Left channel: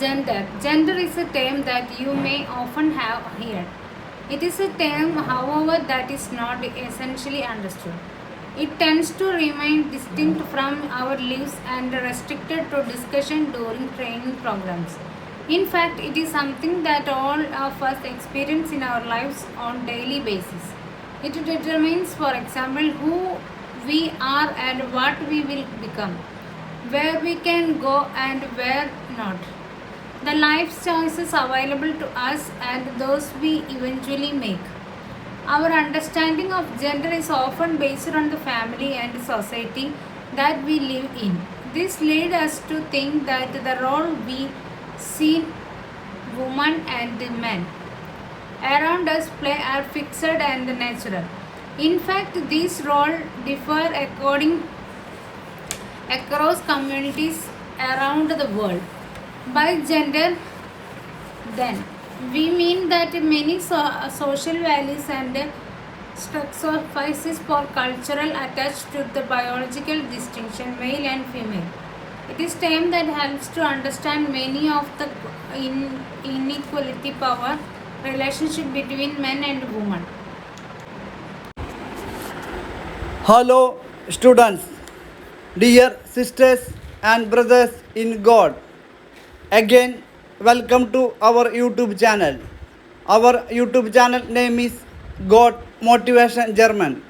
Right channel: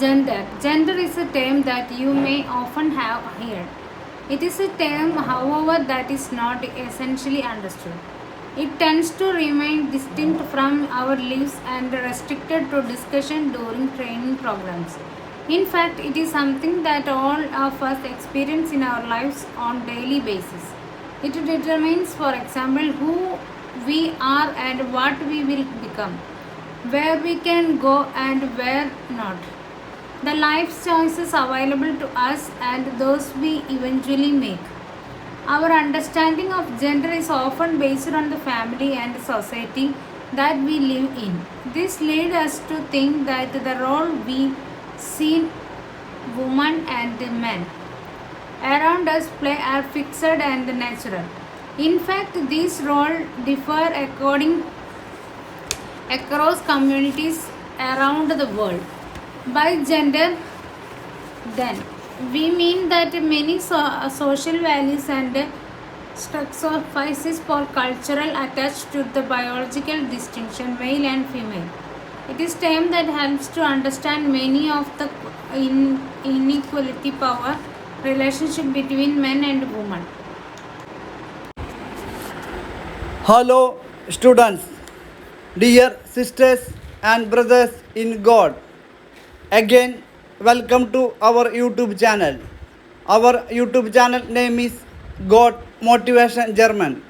Gender. Gender is a term that you may often have heard. It is a term, however, that is not essentially understood. It tends to remain distinct from our lives and restricted to discussion during training programs. In fact, it is something that all of us experience in our lives on daily basis. It determines, for example, who we are and what we will become, where we can go and where not, the life choices available to us and those we eventually make. Our understanding of gender is often based on the family and society that we live in. This leads us to think that the role we see women and men around us play are fixed and natural. In fact, these roles differ across communities around the world. By gender, then, we mean that many social values and sacrifices for cultural attached to the biological distinction male and female. It is time that helps to understand many of the inequality power relationship between men and women. Hello, students, dear sisters and brothers in God. Again, welcome to our YouTube channel. Our YouTube channel name is God Motivation German.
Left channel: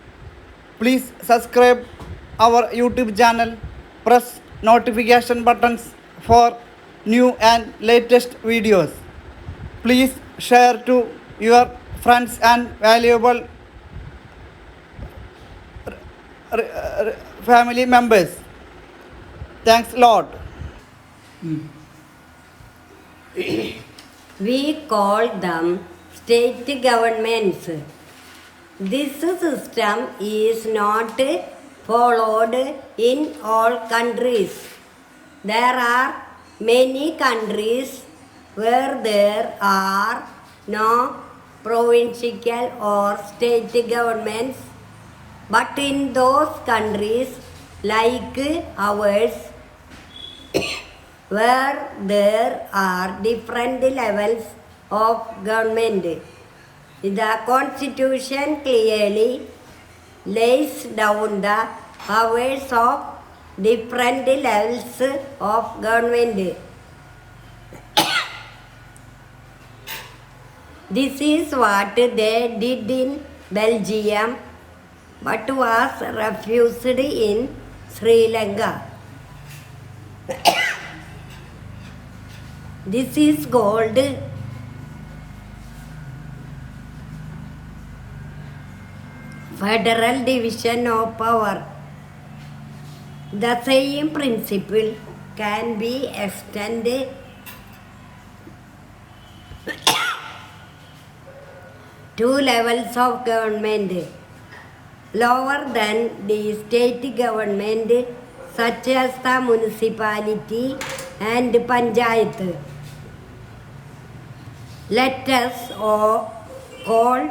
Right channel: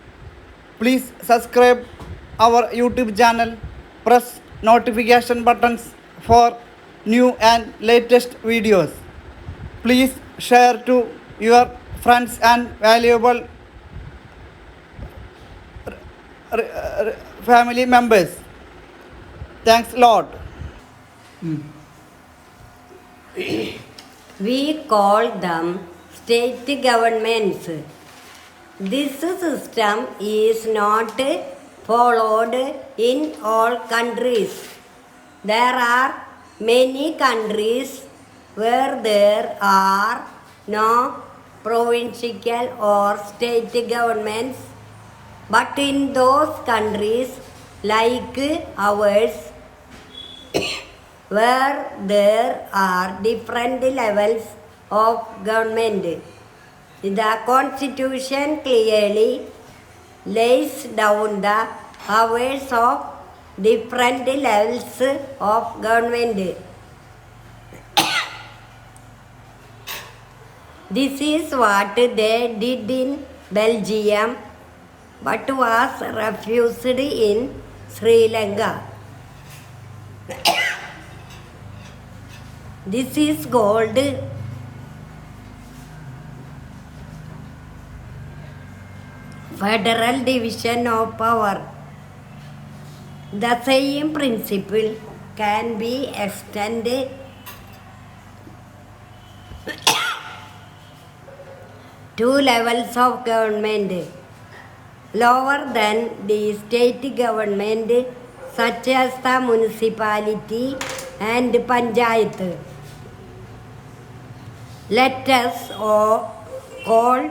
Please subscribe our YouTube channel. Press notification buttons for new and latest videos. Please share to your friends and valuable family members. Thanks a lot. We call them state governments. This system is not followed in all countries. There are many countries where there are no provincial or state governments, but in those countries like ours, where there are different levels of government, the Constitution clearly lays down the powers of different levels of government. This is what they did in Belgium, but was refused in Sri Lanka. This is called federal division of power. The same principle can be extended to levels of government lower than the state government, such as the municipality and panchayat. Let us call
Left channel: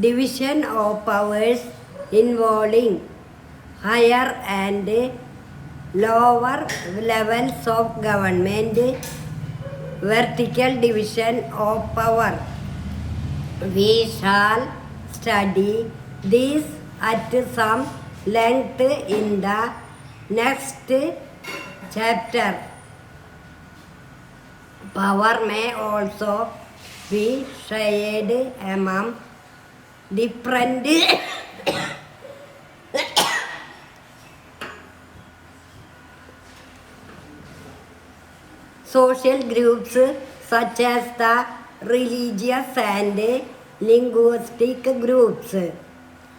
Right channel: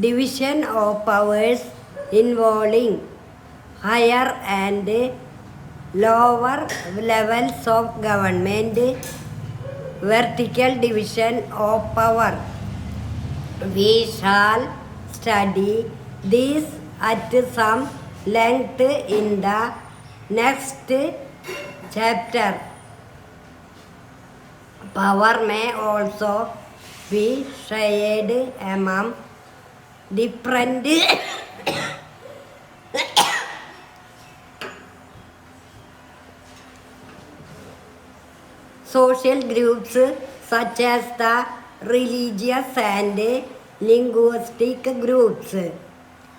division of powers involving higher and lower levels of government vertical division of power. We shall study this at some length in the next chapter. Power may also be shared among different social groups such as the religious and linguistic groups.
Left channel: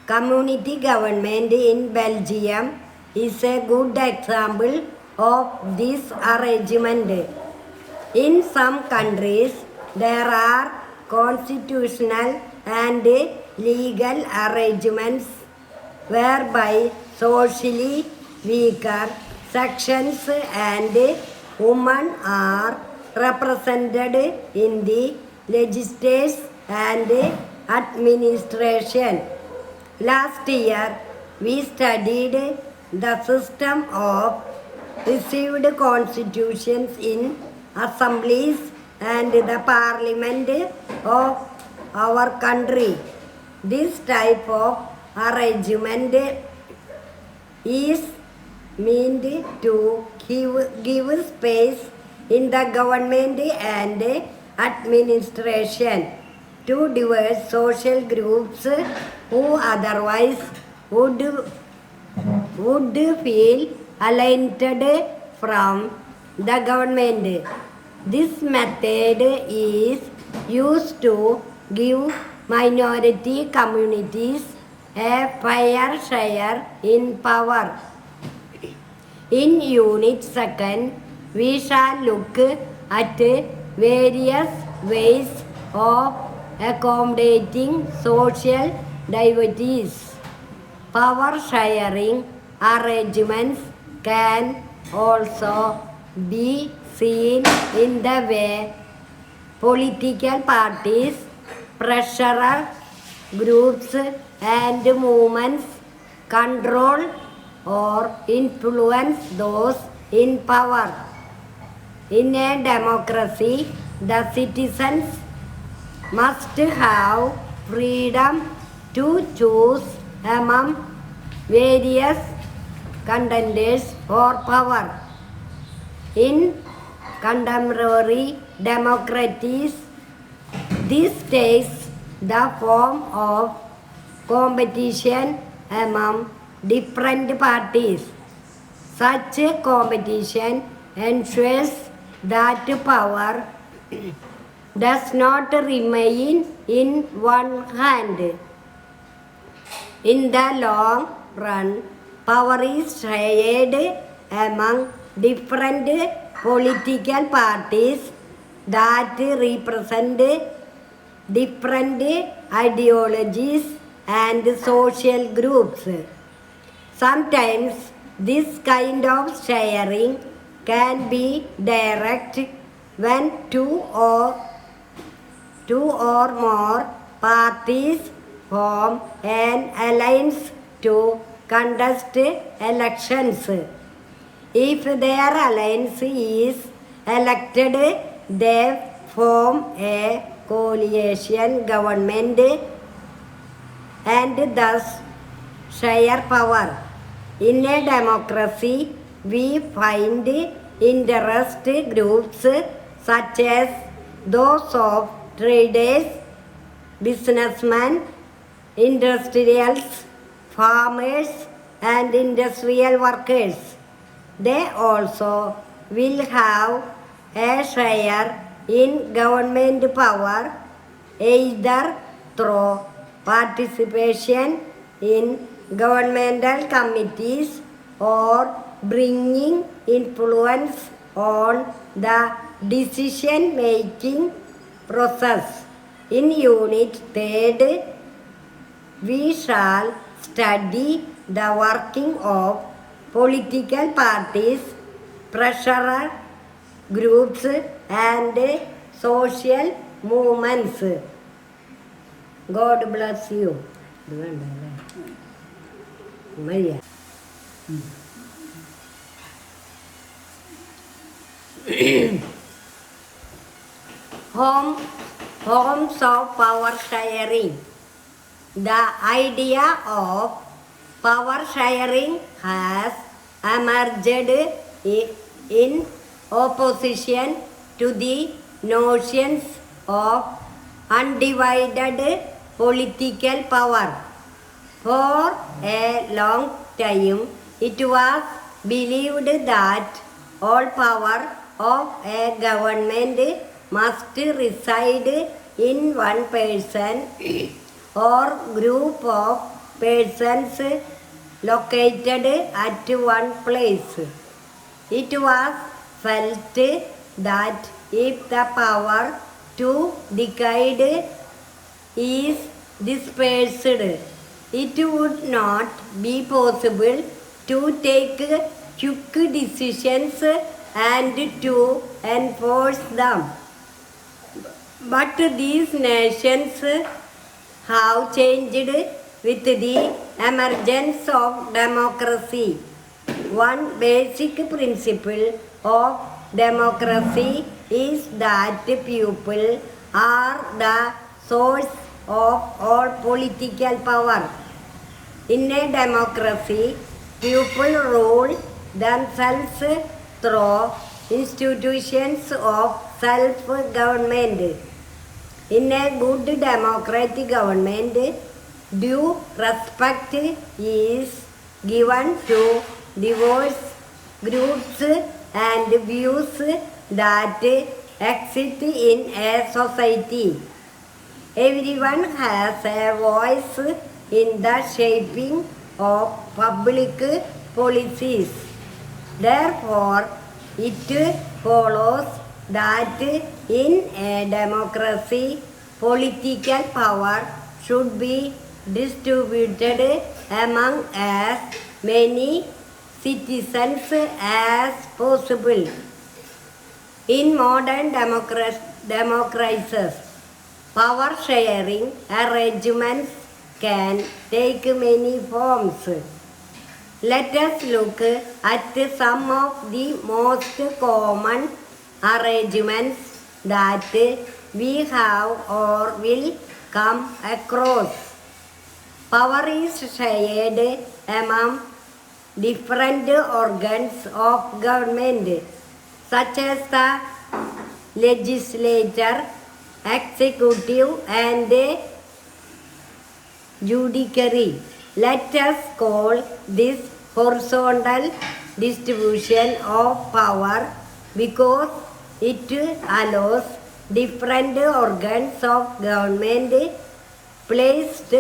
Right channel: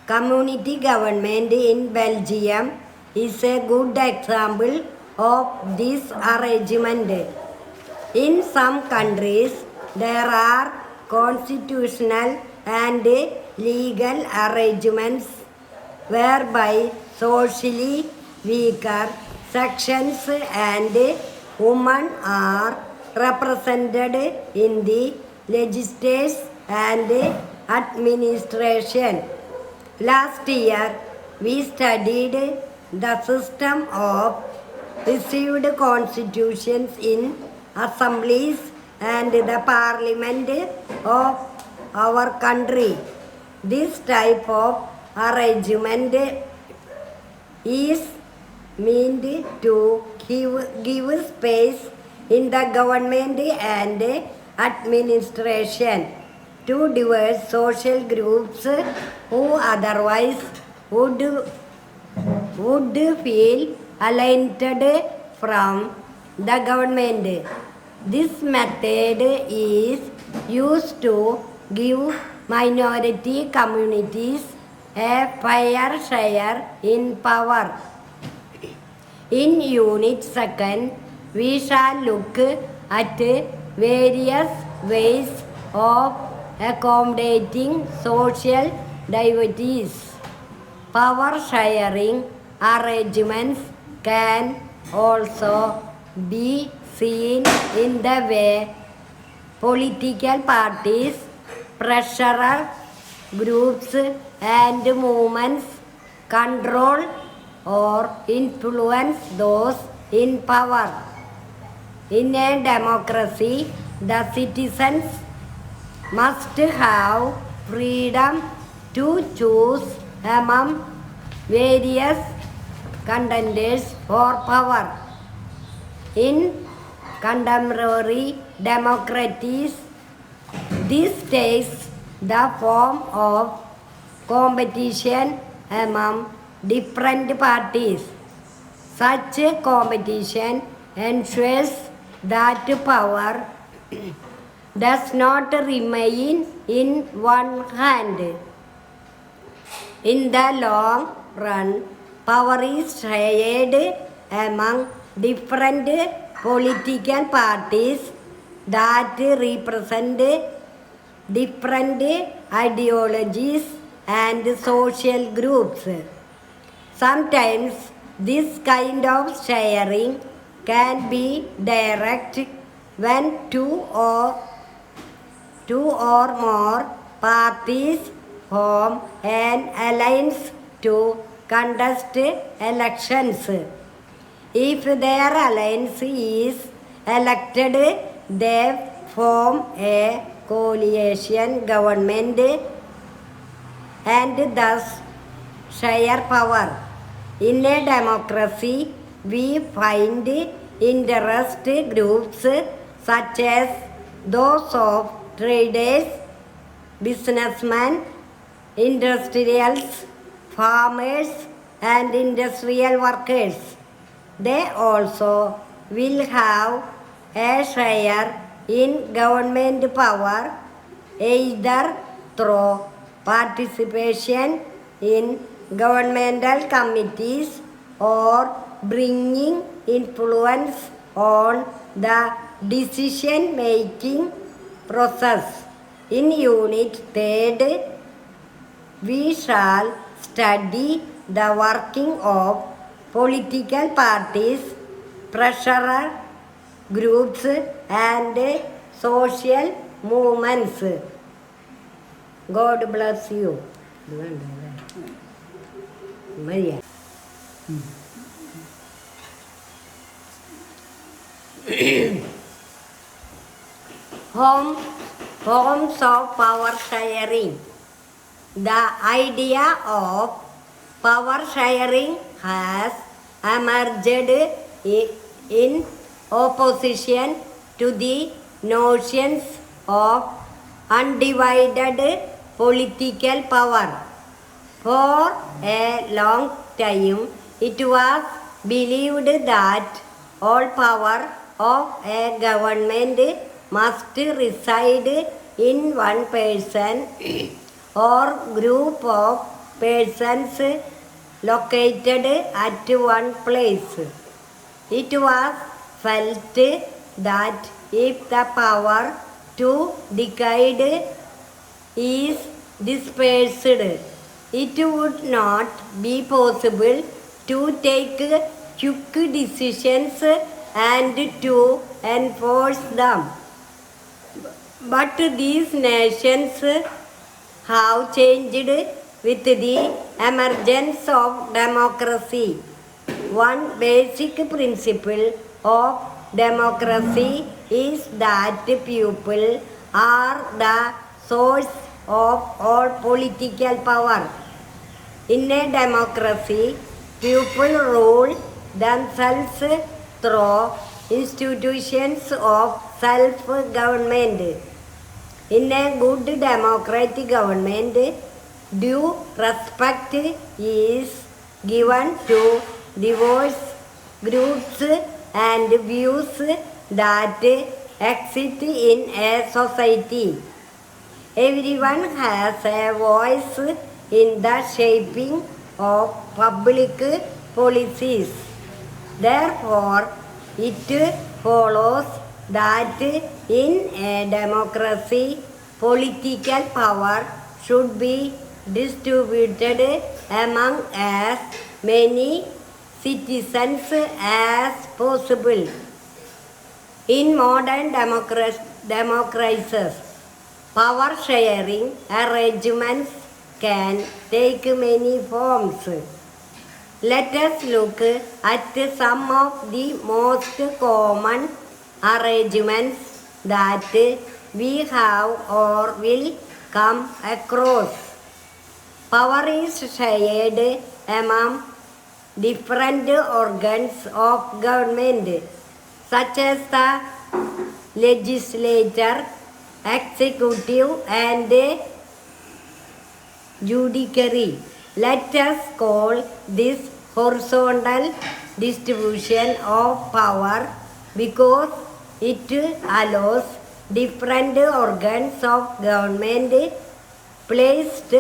Community government in Belgium is a good example of this arrangement. In some countries, there are constitutional and legal arrangements whereby socially weaker sections and women are represented in the legislature and administration. Last year, we studied the system of received constitutions in assemblies and the parliament of our country. This type of arrangement is meant to give space in the government and administration to diverse social groups who otherwise would feel alienated from the government. This method is used to give minority communities a fair share in power. In Unit 2nd, we shall look at various ways of accommodating social diversities. Power sharing arrangements can also be seen in the way political parties, pressure groups, and movements control or influence those in power. In a democracy, the citizens must have freedom to choose among various contenders for power. In contemporary democracies, this takes the form of competition among different parties. Such competition ensures that power does not remain in one hand. In the long run, power is shared among different political parties that represent different ideologies and social groups. Sometimes this kind of sharing can be direct when two or more parties form an alliance to contest elections. If their alliance is elected, they form a coalition government and thus share power. In a democracy, we find interest groups such as those of traders, businessmen, industrials, farmers, and industrial workers. They also will have a share in government power either through participation in governmental committees or bringing influence on the decision-making process. In Unit 3rd, we shall study the working of political parties, pressure groups, and social movements. God bless you. Maria. Forms of power sharing. The idea of power sharing has emerged in opposition to the notions of undivided political power. For a long time, it was believed that all power of a government must reside in one person or group of persons located at one place. It was felt that if the power to decide is dispersed, it would not be possible to take quick decisions and to enforce them. But these nations have changed with the emergence of democracy. One basic principle of democracy is that people are the source of all political power. In a democracy, people rule themselves through institutions of self-government. In a good democratic government, due respect is given to diverse groups and views that exist in a society. Everyone has a voice in the shaping of public policies. Therefore, it follows that in a democracy, political power should be distributed among as many citizens as possible. In modern democracies, power sharing arrangements can take many forms. Let us look at some of the most common arrangements that we have or will come across. Power is shared among different organs of government, such as the legislature, executive, and judiciary. Let us call this horizontal distribution of power because it allows different organs of government placed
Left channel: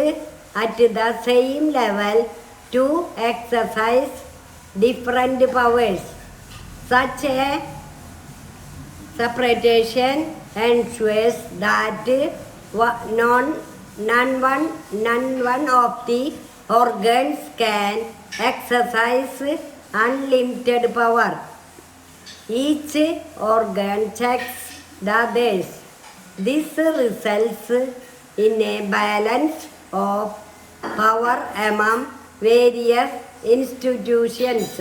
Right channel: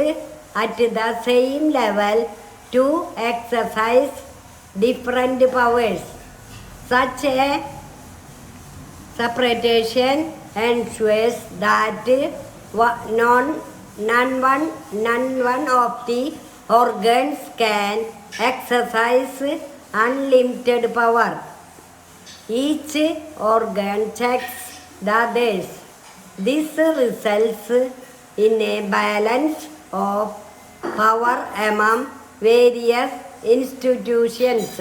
at the same level to exercise different powers. Such a separation ensures that none one of the organs can exercise unlimited power. Each organ checks the others. This results in a balance of power among various institutions.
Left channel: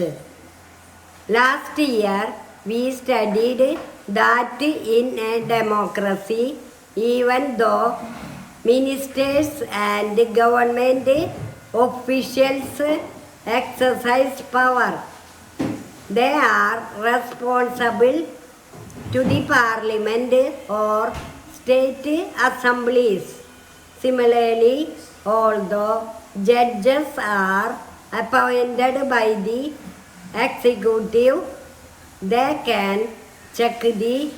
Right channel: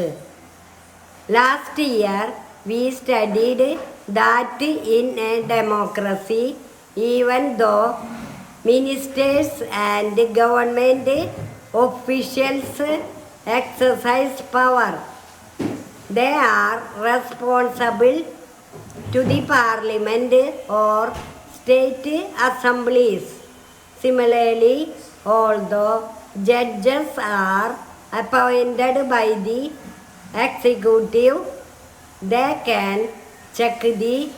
Last year, we studied that in a democracy, even though ministers and government officials exercise power, they are responsible to the parliament or state assemblies. Similarly, although judges are appointed by the executive, they can check the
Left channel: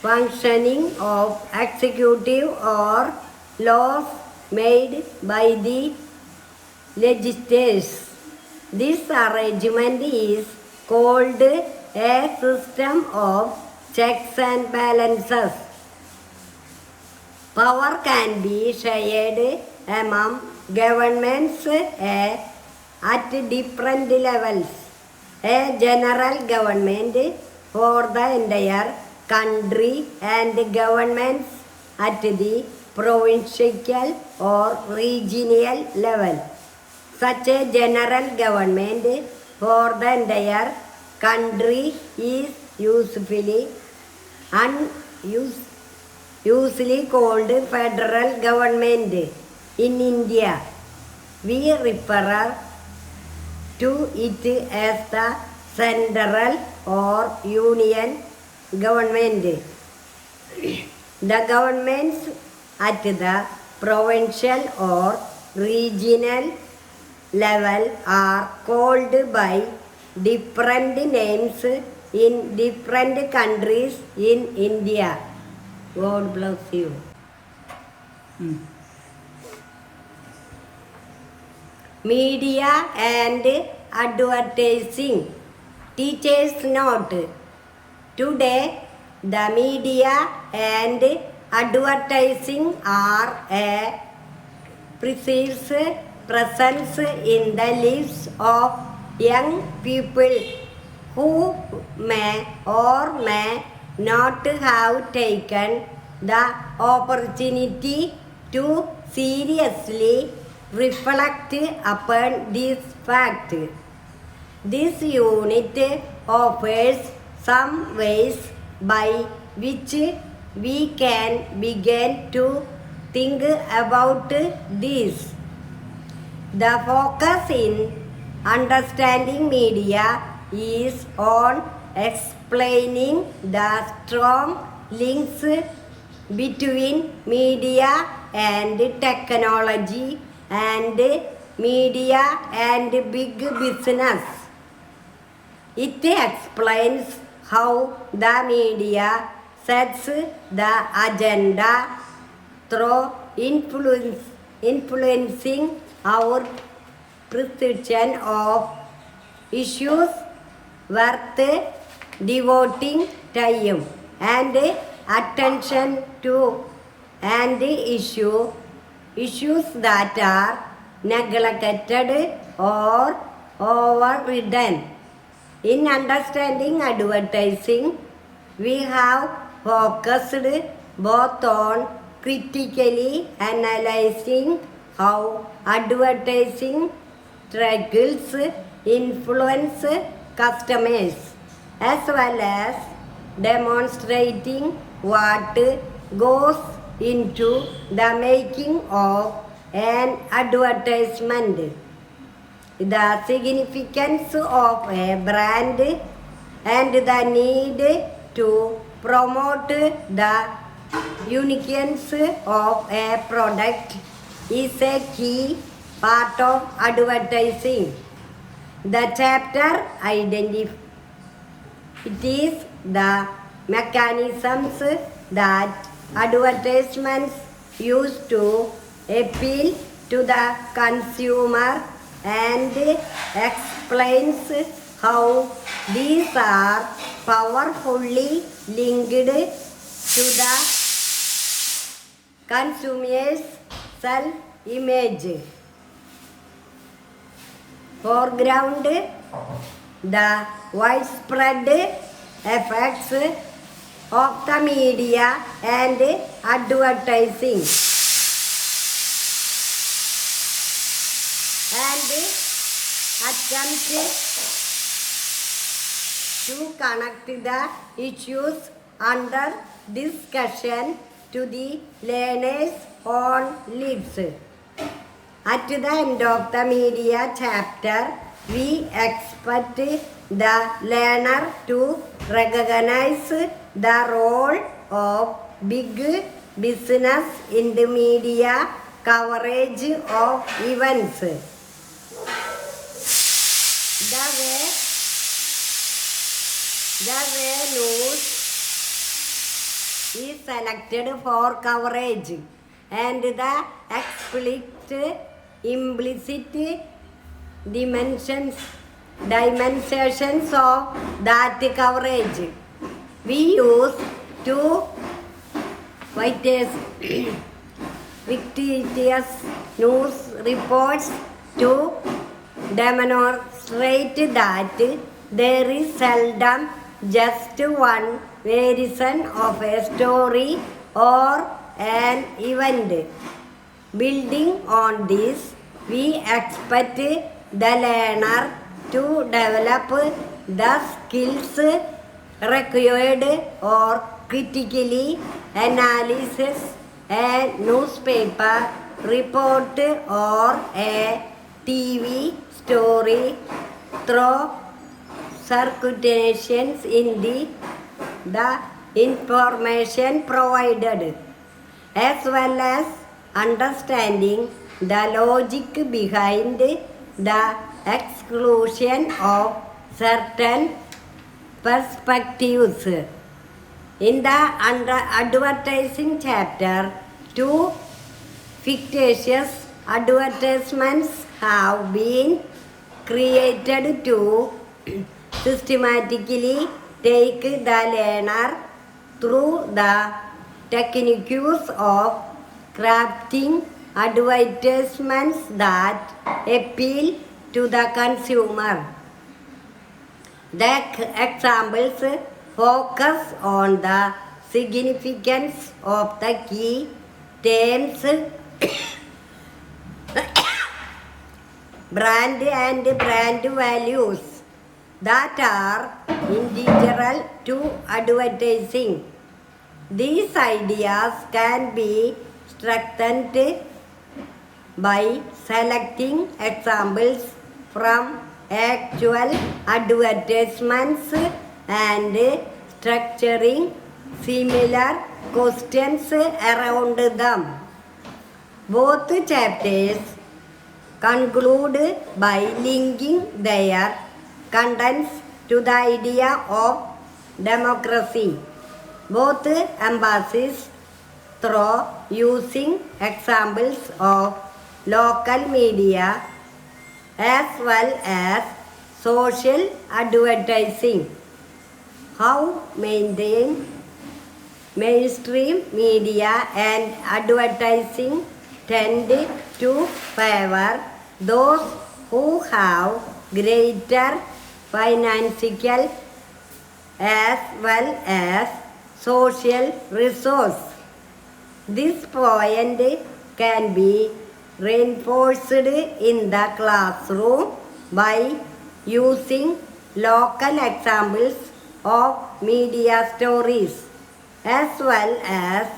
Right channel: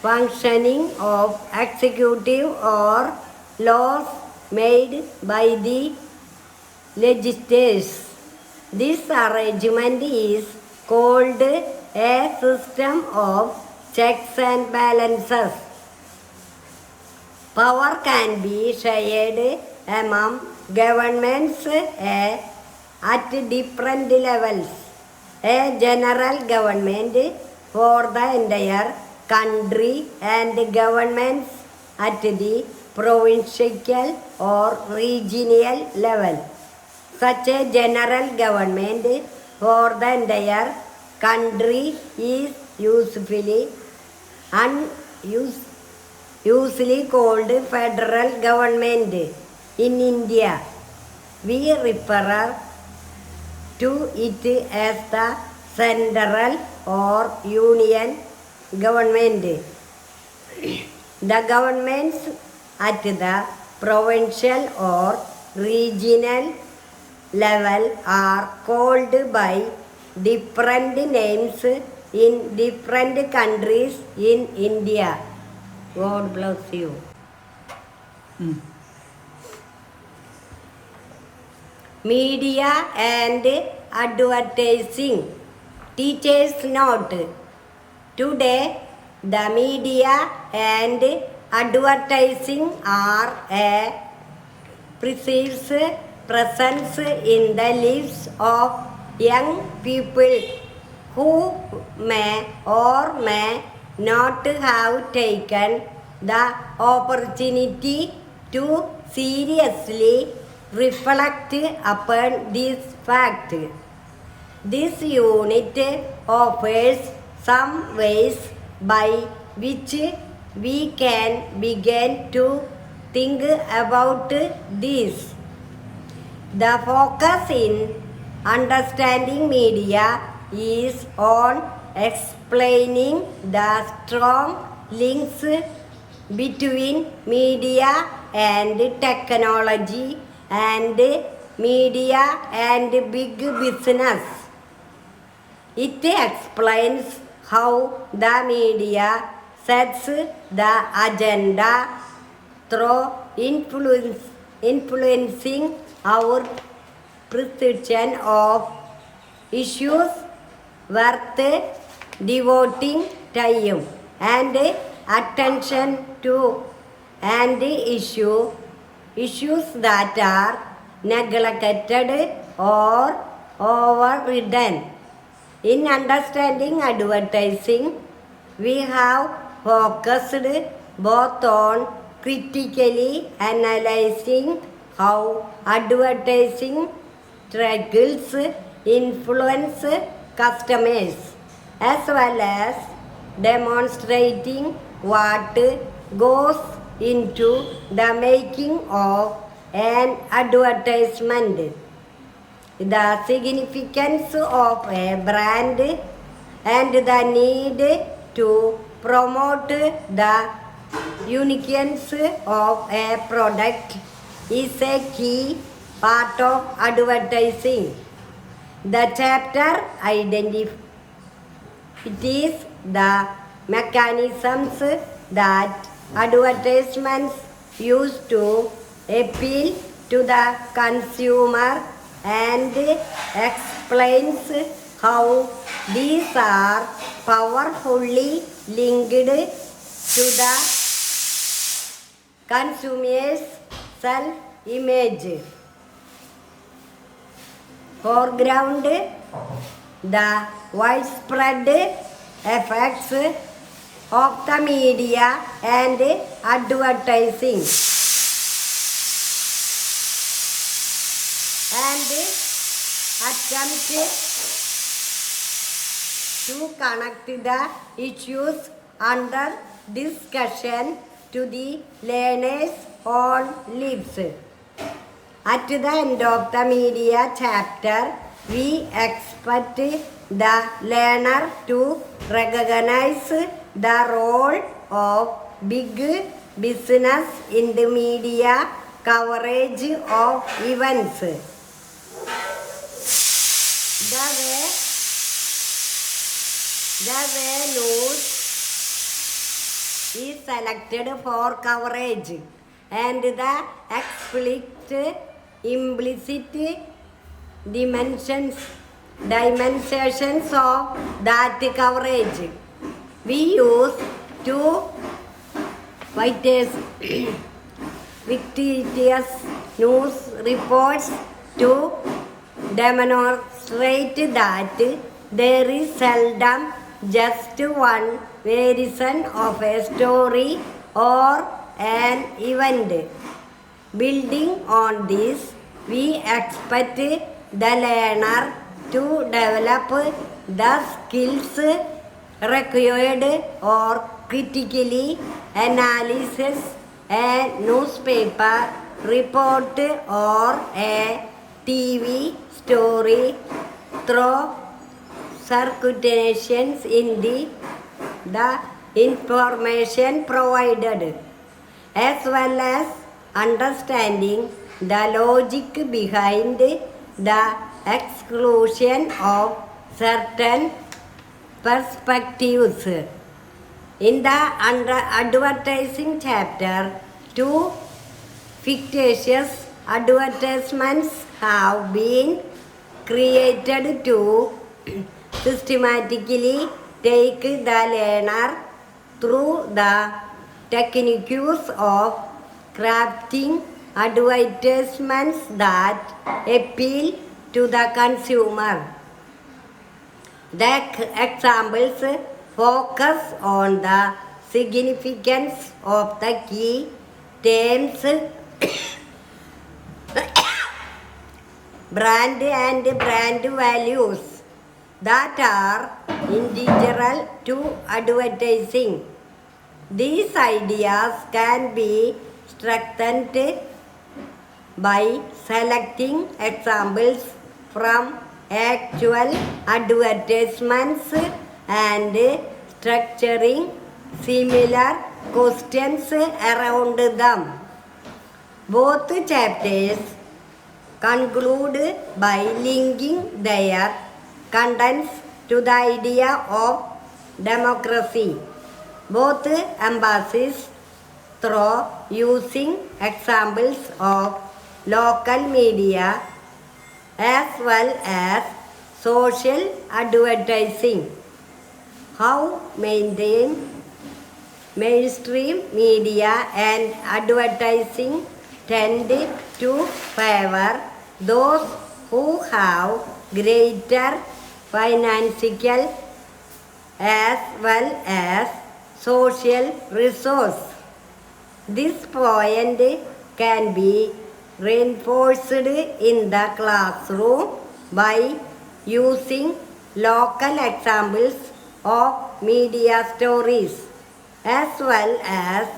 functioning of executive or laws made by the legislators. This arrangement is called a system of checks and balances. Power can be shared among governments at different levels. A general government for the entire country and governments at the provincial or regional level. Such a general government for the entire country is usually called federal government. In India, we refer to it as the central or union government. The governments at the provincial or regional level are called by different names in different countries in India. God bless you. Media and advertising. Teachers note. Today, the media and advertising are a perceived presence in the lives of young people who may or may not have taken the opportunity to seriously reflect upon this fact. This unit offers some ways by which we can begin to think about this. The focus in understanding media is on explaining the strong links between media and technology and media and big business. It explains how the media sets the agenda through influencing our perception of issues worth devoting time and attention to, and issues that are neglected or overridden. In understanding advertising, we have focused both on critically analyzing how advertising struggles influence customers, as well as demonstrating what goes into the making of an advertisement, the significance of a brand, and the need to promote the uniqueness of a product is a key part of advertising. The chapter identifies the mechanisms that advertisements use to appeal to the consumer and explains how these are powerfully linked to the consumer's self-image. Foreground, the widespread effects of the media and advertising, and attempt to connect the issues under discussion to the learner's own lives. At the end of the media chapter, we expect the learner to recognize the role of big business in the media coverage of events. The way news is selected for coverage and the implicit dimensions of that coverage. We use two fictitious news reports to demonstrate that there is seldom just one version of a story or an event. Building on this, we expect the learner to develop the skills required or critically analyze a newspaper report or a TV story through circulations in the information provided, as well as understanding the logic behind the exclusion of certain perspectives. In the advertising chapter, two fictitious advertisements have been created to systematically take the learner through the techniques of crafting advertisements that appeal to the consumer. The examples focus on the significance of the key terms brand and brand values that are integral to advertising. These ideas can be strengthened by selecting examples from actual advertisements and structuring similar questions around them. Both chapters conclude by linking their contents to the idea of democracy. Both emphasize through using examples of local media as well as social advertising. How mainstream media and advertising tend to favor those who have greater financial as well as social resource. This point can be reinforced in the classroom by using local examples of media stories as well as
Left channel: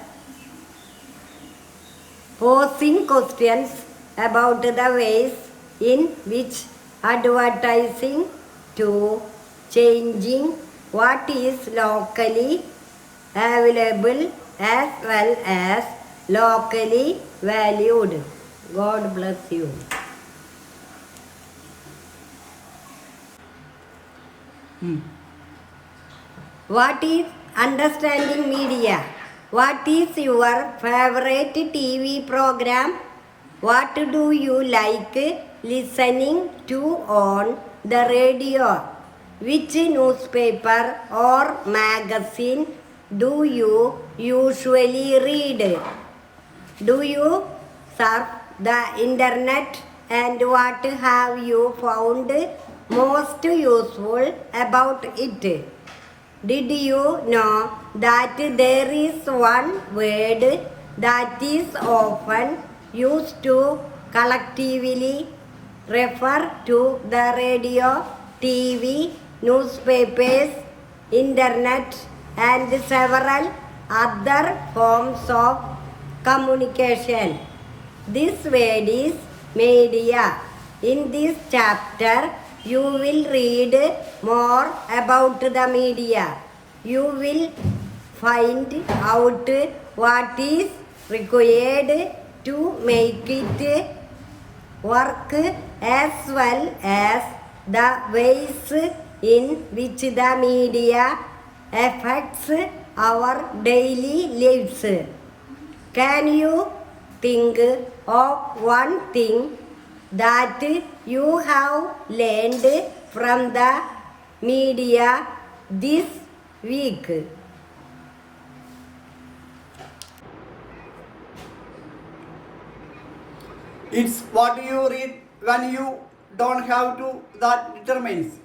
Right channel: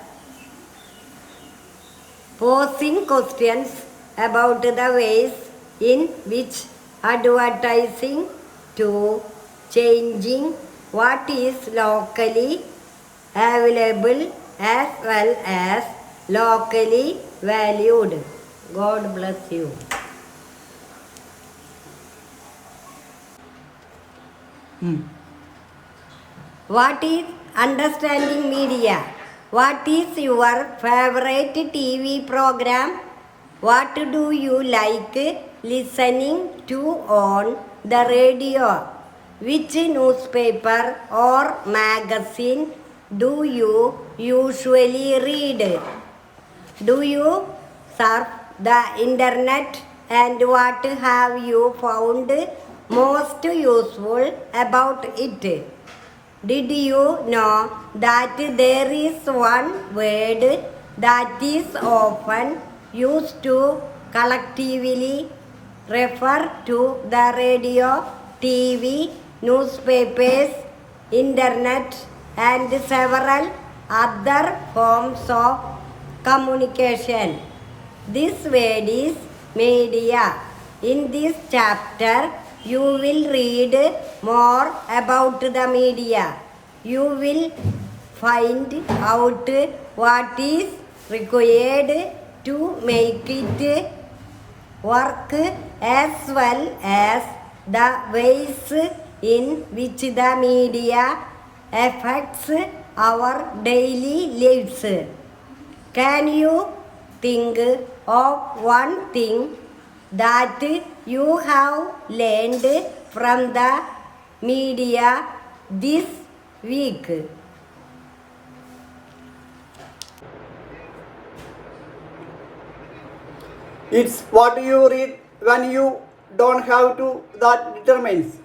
posing questions about the ways in which advertising to changing what is locally available as well as locally valued. God bless you. What is understanding media? What is your favorite TV program? What do you like listening to on the radio? Which newspaper or magazine do you usually read? Do you surf the internet, and what have you found most useful about it? Did you know that there is one word that is often used to collectively refer to the radio, TV, newspapers, internet, and several other forms of communication? This word is media. In this chapter, you will read more about the media. You will find out what is required to make it work as well as the ways in which the media affects our daily lives. Can you think of one thing that you have learned from the media this week? It's what you read when you don't have to that determines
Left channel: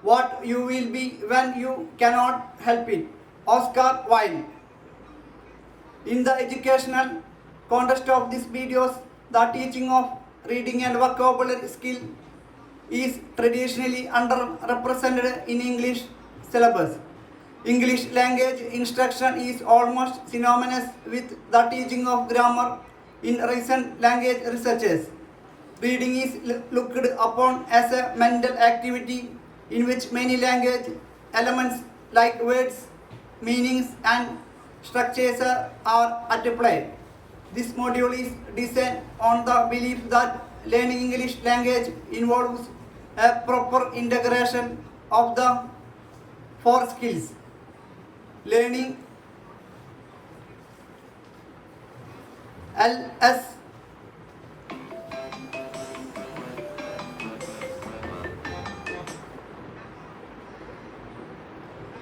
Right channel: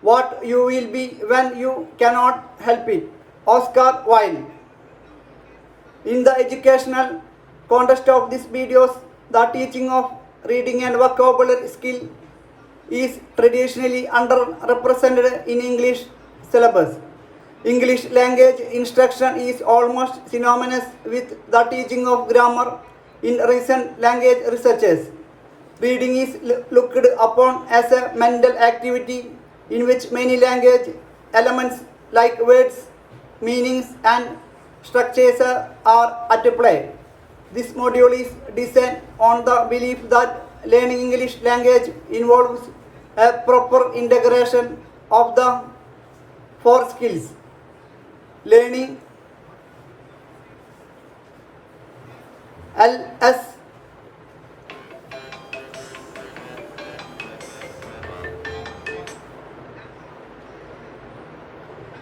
what you will be when you cannot help it. Oscar Wilde. In the educational context of these videos, the teaching of reading and vocabulary skill is traditionally underrepresented in English syllabus. English language instruction is almost synonymous with the teaching of grammar in recent language researches. Reading is looked upon as a mental activity in which many language elements like words, meanings, and structures are at play. This module is designed on the belief that learning English language involves a proper integration of the four skills: learning LS,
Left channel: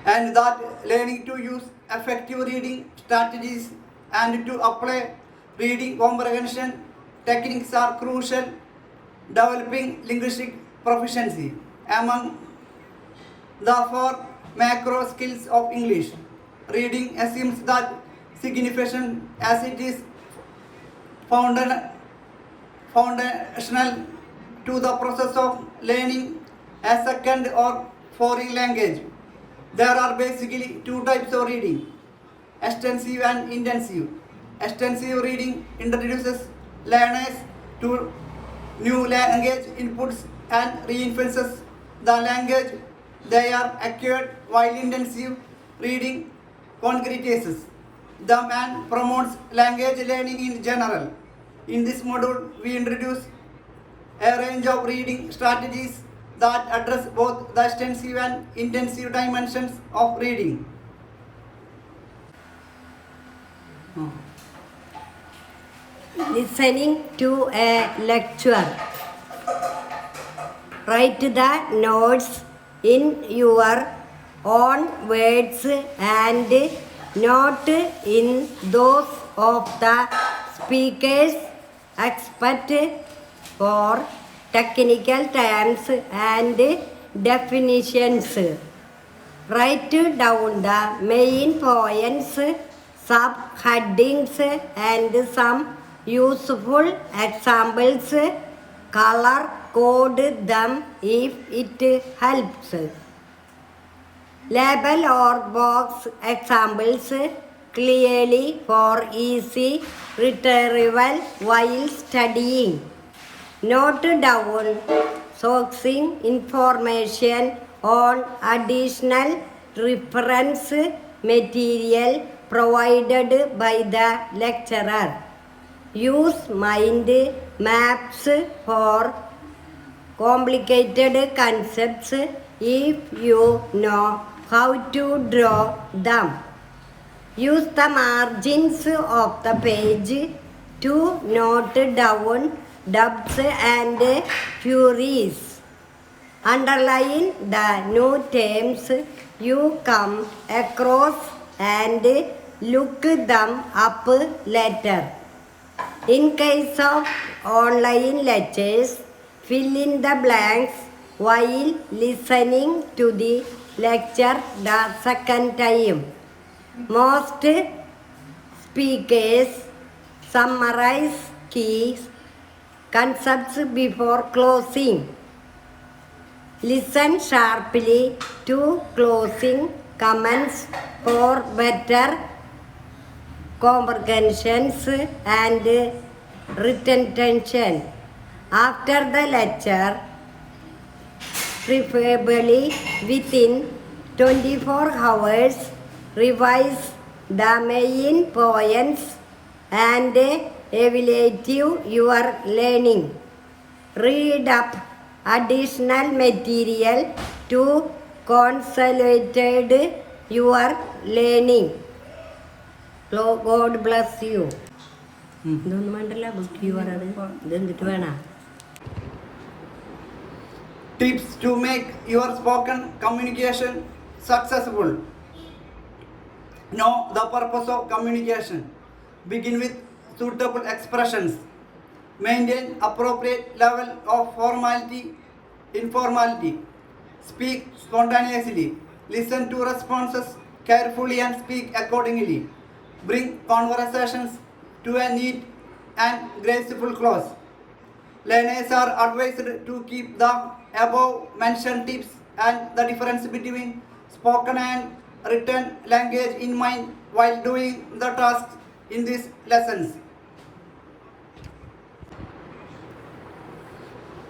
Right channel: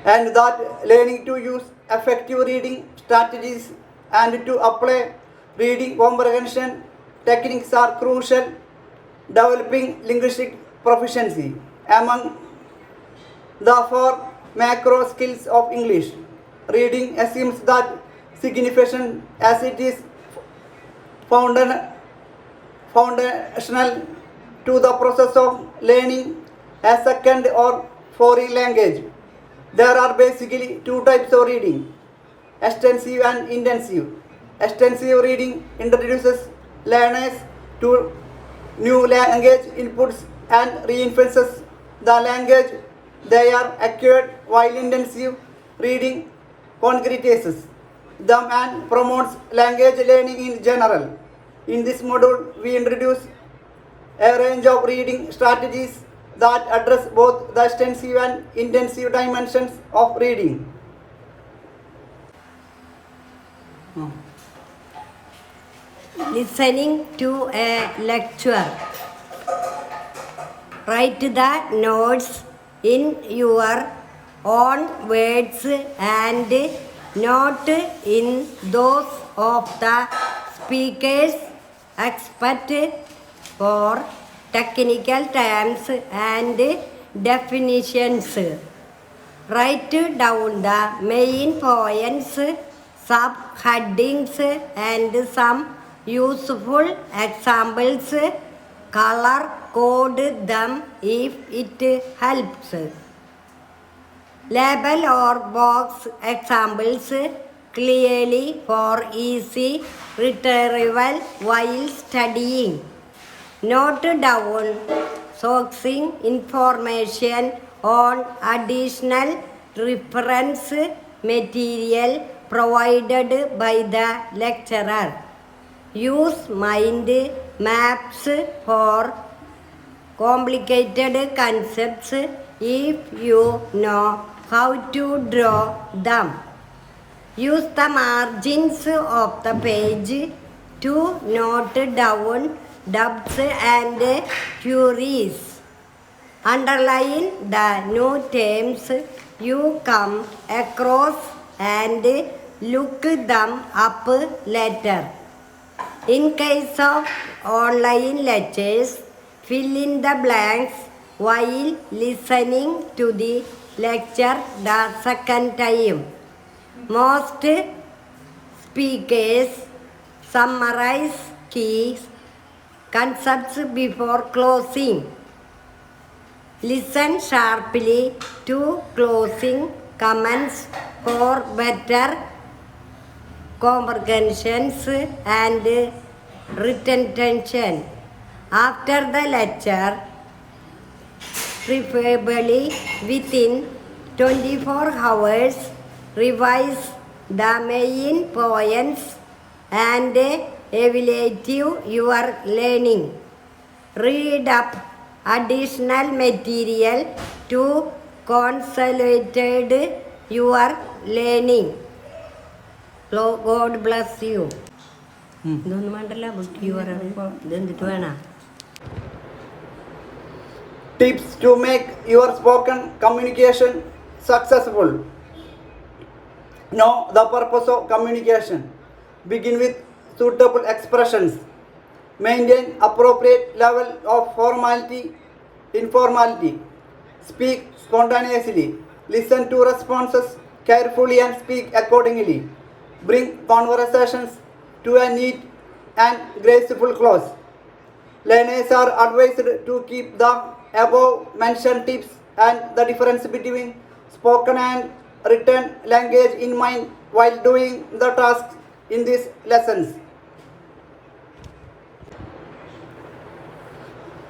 and that learning to use effective reading strategies and to apply reading comprehension techniques are crucial developing linguistic proficiency. Among the four macro skills of English, reading assumes that signification as it is foundational to the process of learning a second or foreign language. There are basically two types of reading: extensive and intensive. Extensive reading introduces learners to new language inputs and reinforces the language they are acquired, while intensive reading concretizes them and promotes language learning in general. In this module, we introduce a range of reading strategies that address both the extensive and intensive dimensions of reading. Listening to a lecture. Write the notes in your own words and not in those of the speakers, except for technical terms and definitions. Write down the main points, subheadings, and some useful examples. Color code them if it helps. Label or box examples clearly for easy retrieval while studying. Note down sourcing information on additional reference material provided by the lecturer. Use mind maps for complicated concepts if you know how to draw them. Use the margins of the page to note down doubts and queries. Underline the new terms you come across and look them up later. In case of online lectures, fill in the blanks while listening to the lecture the second time. Most speakers summarize key concepts before closing. Listen sharply to closing comments for better comprehensions and retention. After the lecture, preferably within 24 hours, revise the main points and evaluate your learning. Read up additional material to consolidate your learning. God bless you. ഇതൊന്നും വേണ്ടല്ല book പറയാറ് ഇതെന്തിട്ട് വേണ Tips to make your spoken communication successful. Know the purpose of communication. Begin with suitable expressions. Maintain appropriate level of informality. Speak spontaneously. Listen to responses carefully and speak accordingly. Bring conversations to a neat and graceful close. Learners are advised to keep the above mentioned tips and the difference between spoken and written language in mind while doing the tasks in these lessons.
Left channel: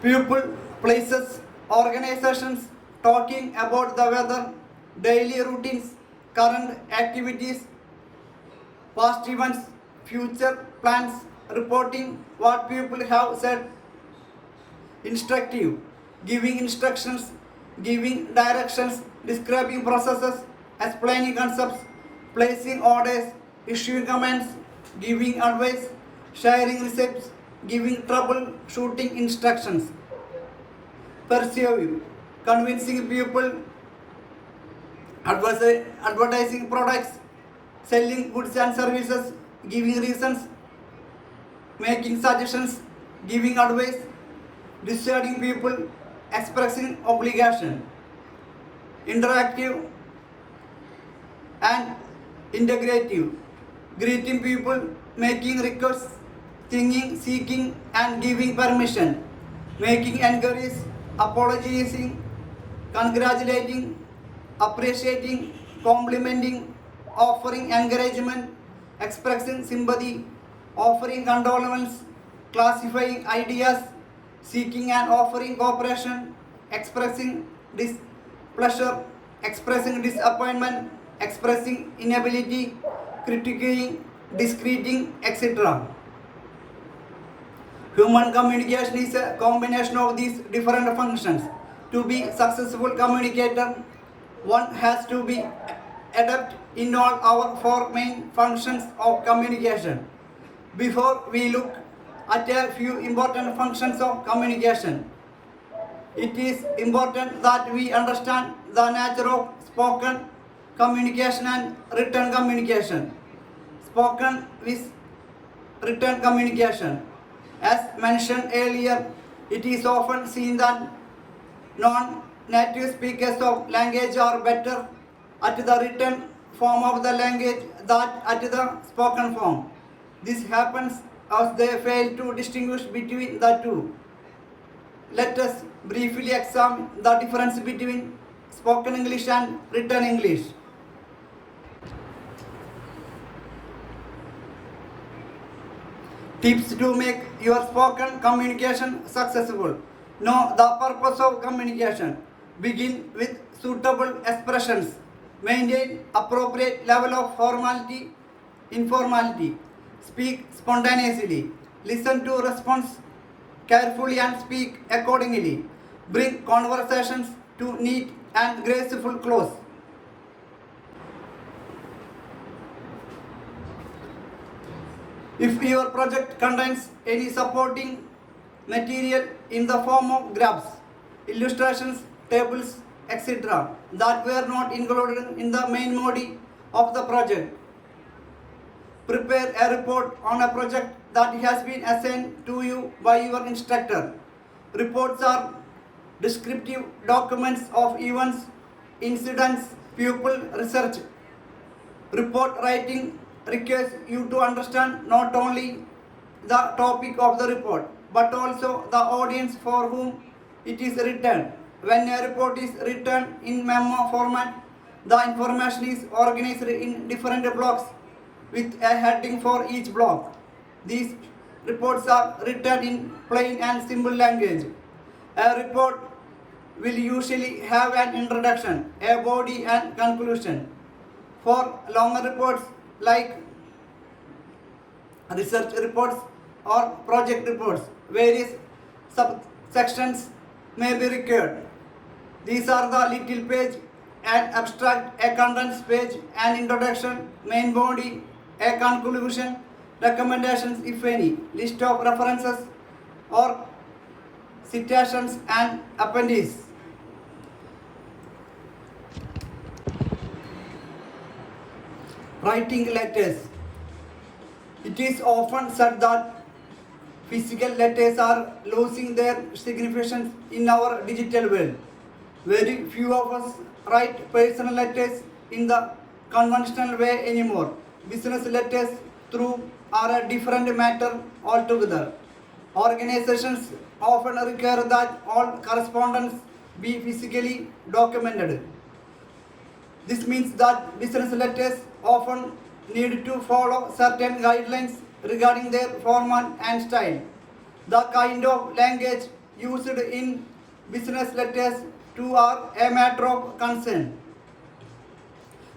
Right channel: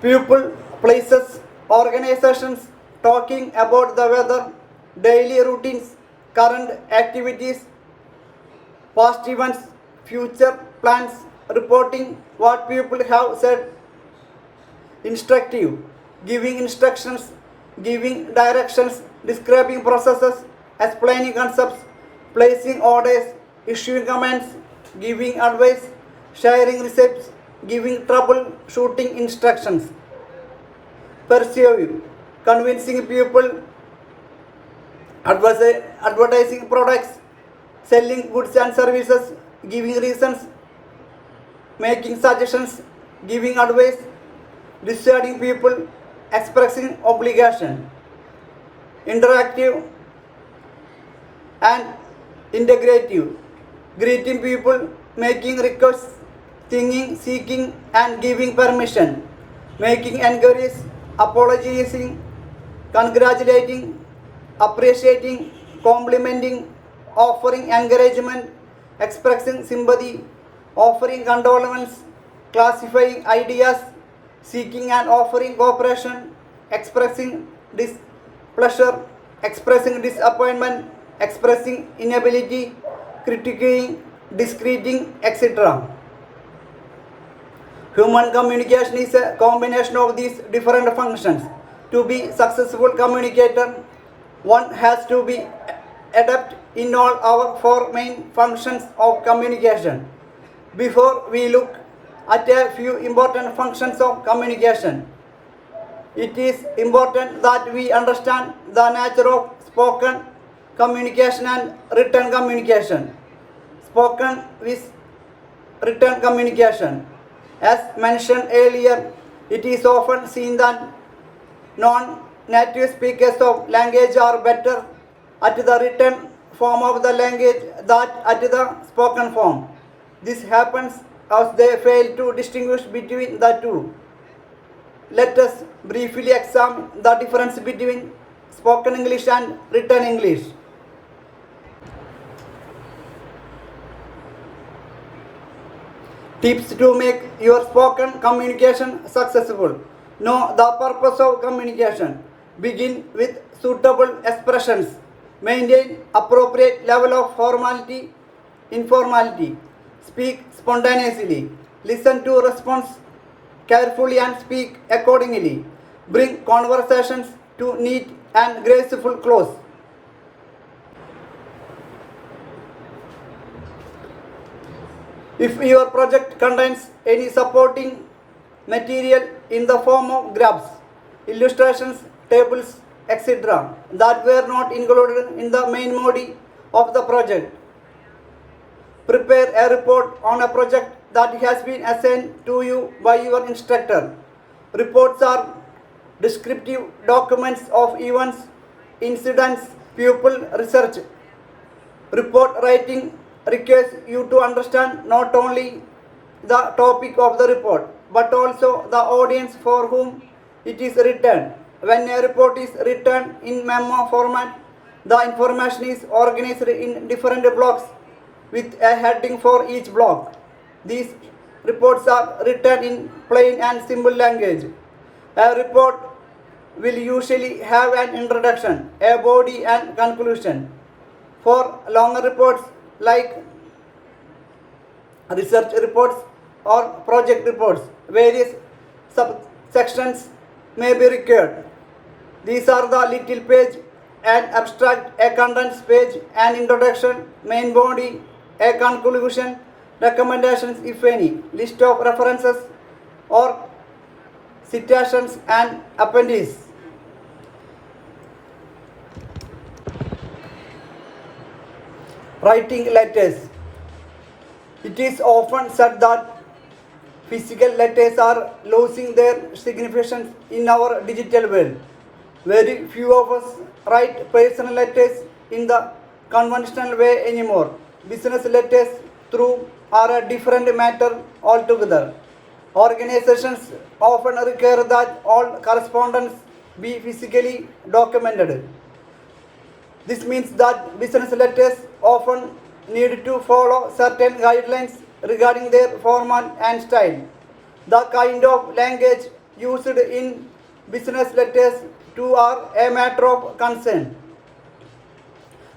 People, places, organizations talking about the weather, daily routines, current activities, past events, future plans, reporting what people have said. Instructive, giving instructions, giving directions, describing processes, explaining concepts, placing orders, issuing commands, giving advice, sharing receipts, giving troubleshooting instructions. Persuasive, convincing people, advertising products, selling goods and services, giving reasons, making suggestions, giving advice, dissuading people, expressing obligation. Interactive and integrative, greeting people, making requests, singing, seeking and giving permission, making enquiries, apologizing, congratulating, appreciating, complimenting, offering encouragement, expressing sympathy, offering condolence, classifying ideas, seeking and offering cooperation, expressing displeasure, expressing disappointment, expressing inability, critiquing, discrediting, etc. Human communication is a combination of these different functions. To be successful communicator, one has to be adept in all our four main functions of communication. Before we look at a few important functions of communication, it is important that we understand the nature of spoken communication and written communication. Spoken with written communication. As mentioned earlier, it is often seen that non-native speakers of language are better at the written form of the language than at the spoken form. This happens as they fail to distinguish between the two. Let us briefly examine the difference between spoken English and written English. Tips to make your spoken communication successful. Know the purpose of communication. Begin with suitable expressions. Maintain appropriate level of formality, informality. Speak spontaneously. Listen to response carefully and speak accordingly. Bring conversations to neat and graceful close. If your project contains any supporting material in the form of graphs, illustrations, tables, etc. that were not included in the main body of the project, prepare a report on a project that has been assigned to you by your instructor. Reports are descriptive documents of events, incidents, pupil research. Report writing requires you to understand not only the topic of the report but also the audience for whom it is written. When a report is written in memo format, the information is organized in different blocks with a heading for each block. These reports are written in plain and simple language. A report will usually have an introduction, a body and conclusion. For longer reports like research reports or project reports, various subsections may be required. These are the little page, an abstract, a contents page, an introduction, main body, a conclusion, recommendations if any, list of references or citations and appendices. Writing letters. It is often said that physical letters are losing their significance in our digital world. Very few of us write personal letters in the conventional way anymore. Business letters through are a different matter altogether. Organizations often require that all correspondence be physically documented. This means that business letters often need to follow certain guidelines regarding their format and style. The kind of language used in business letters too are a matter of concern.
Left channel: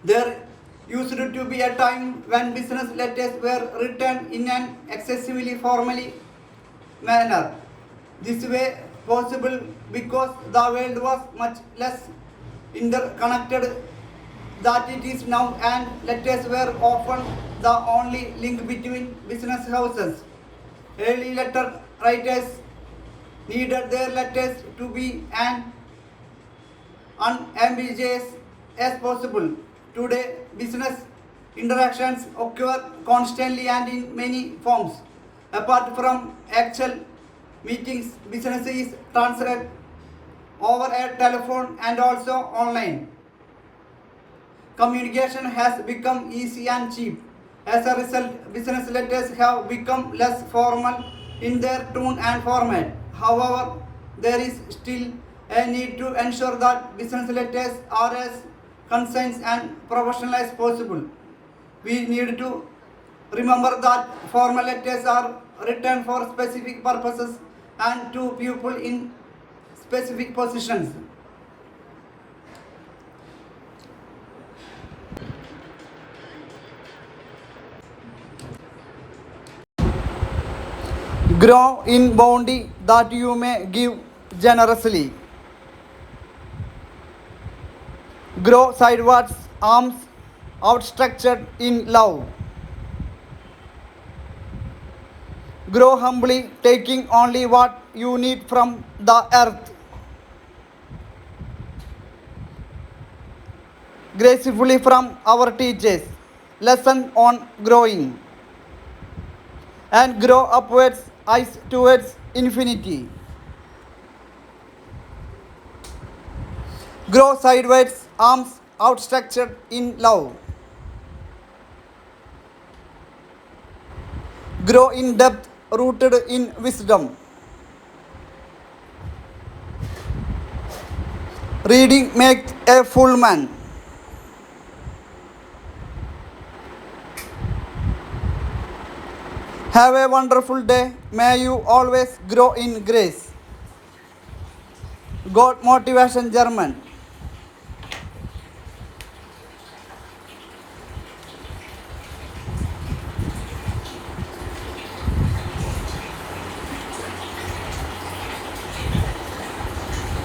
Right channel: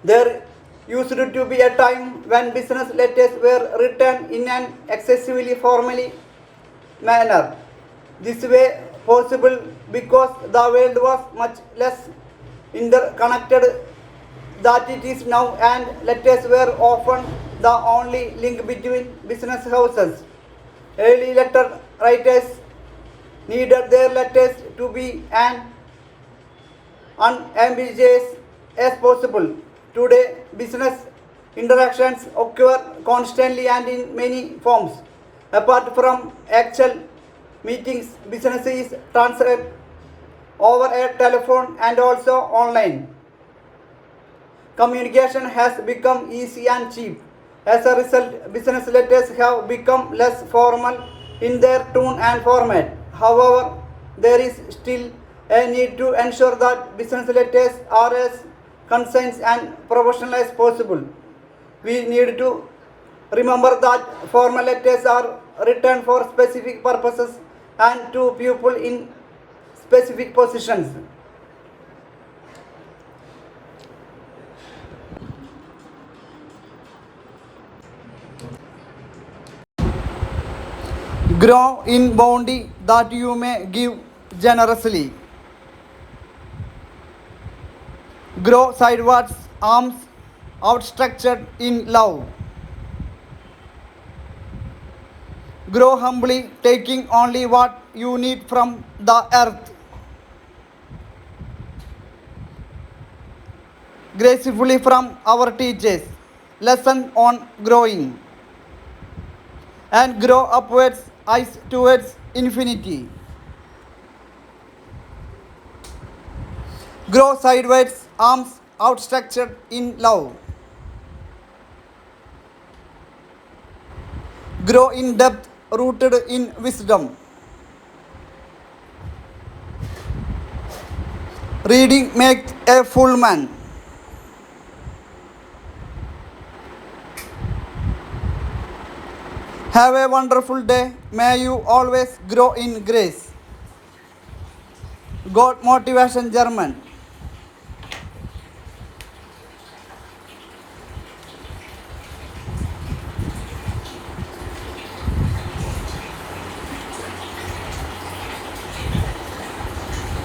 There used to be a time when business letters were written in an excessively formally manner. This way possible because the world was much less interconnected that it is now, and letters were often the only link between business houses. Early letter writers needed their letters to be as unambiguous as possible. Today, business interactions occur constantly and in many forms. Apart from actual meetings, business is transferred over a telephone and also online. Communication has become easy and cheap. As a result, business letters have become less formal in their tone and format. However, there is still a need to ensure that business letters are as concise and professional as possible. we need to remember that formal letters are written for specific purposes and to people in specific positions. Grow in bounty that you may give generously. Grow sidewards, arms outstretched in love. Grow humbly, taking only what you need from the earth. Gracefully from our teachers. Lesson on growing. And grow upwards, eyes towards infinity. Grow sideways, arms outstretched in love. Grow in depth, rooted in wisdom. Reading makes a full man. Have a wonderful day. May you always grow in grace. God Motivation German.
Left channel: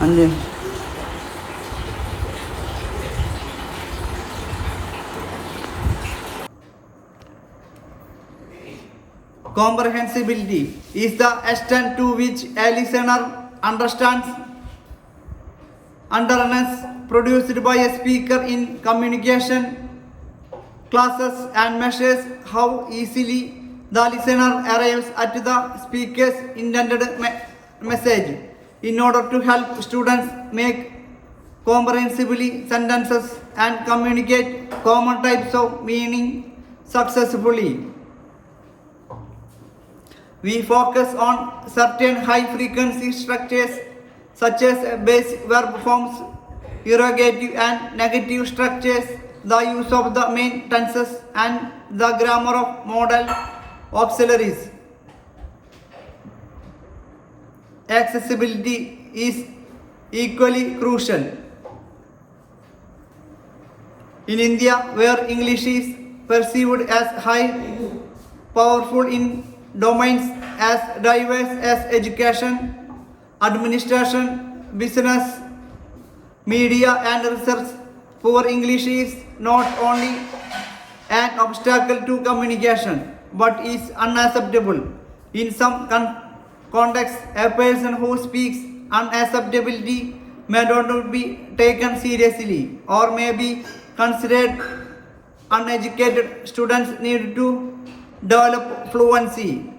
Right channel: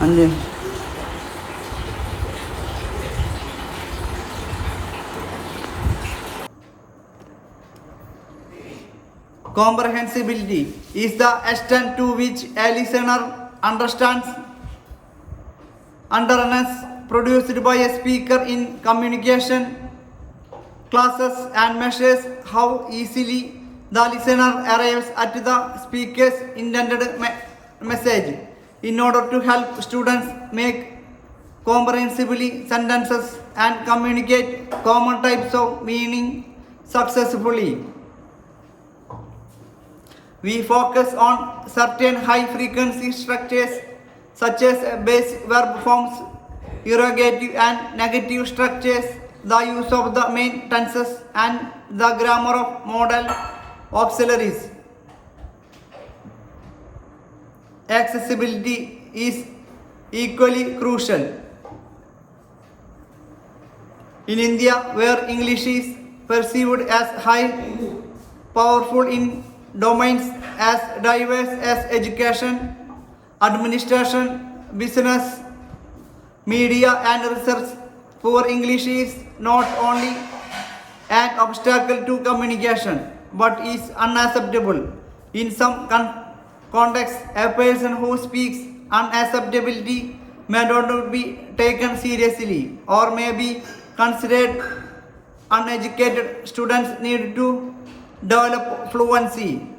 And comprehensibility is the extent to which a listener understands underness produced by a speaker in communication classes and measures how easily the listener arrives at the speaker's intended message. In order to help students make comprehensively sentences and communicate common types of meaning successfully, we focus on certain high-frequency structures such as base verb forms, interrogative and negative structures, the use of the main tenses, and the grammar of modal auxiliaries. Accessibility is equally crucial. In India, where English is perceived as high, powerful in domains as diverse as education, administration, business, media, and research, poor English is not only an obstacle to communication but is unacceptable. In some contexts, a person who speaks unacceptability may not be taken seriously or may be considered uneducated. Students need to develop fluency,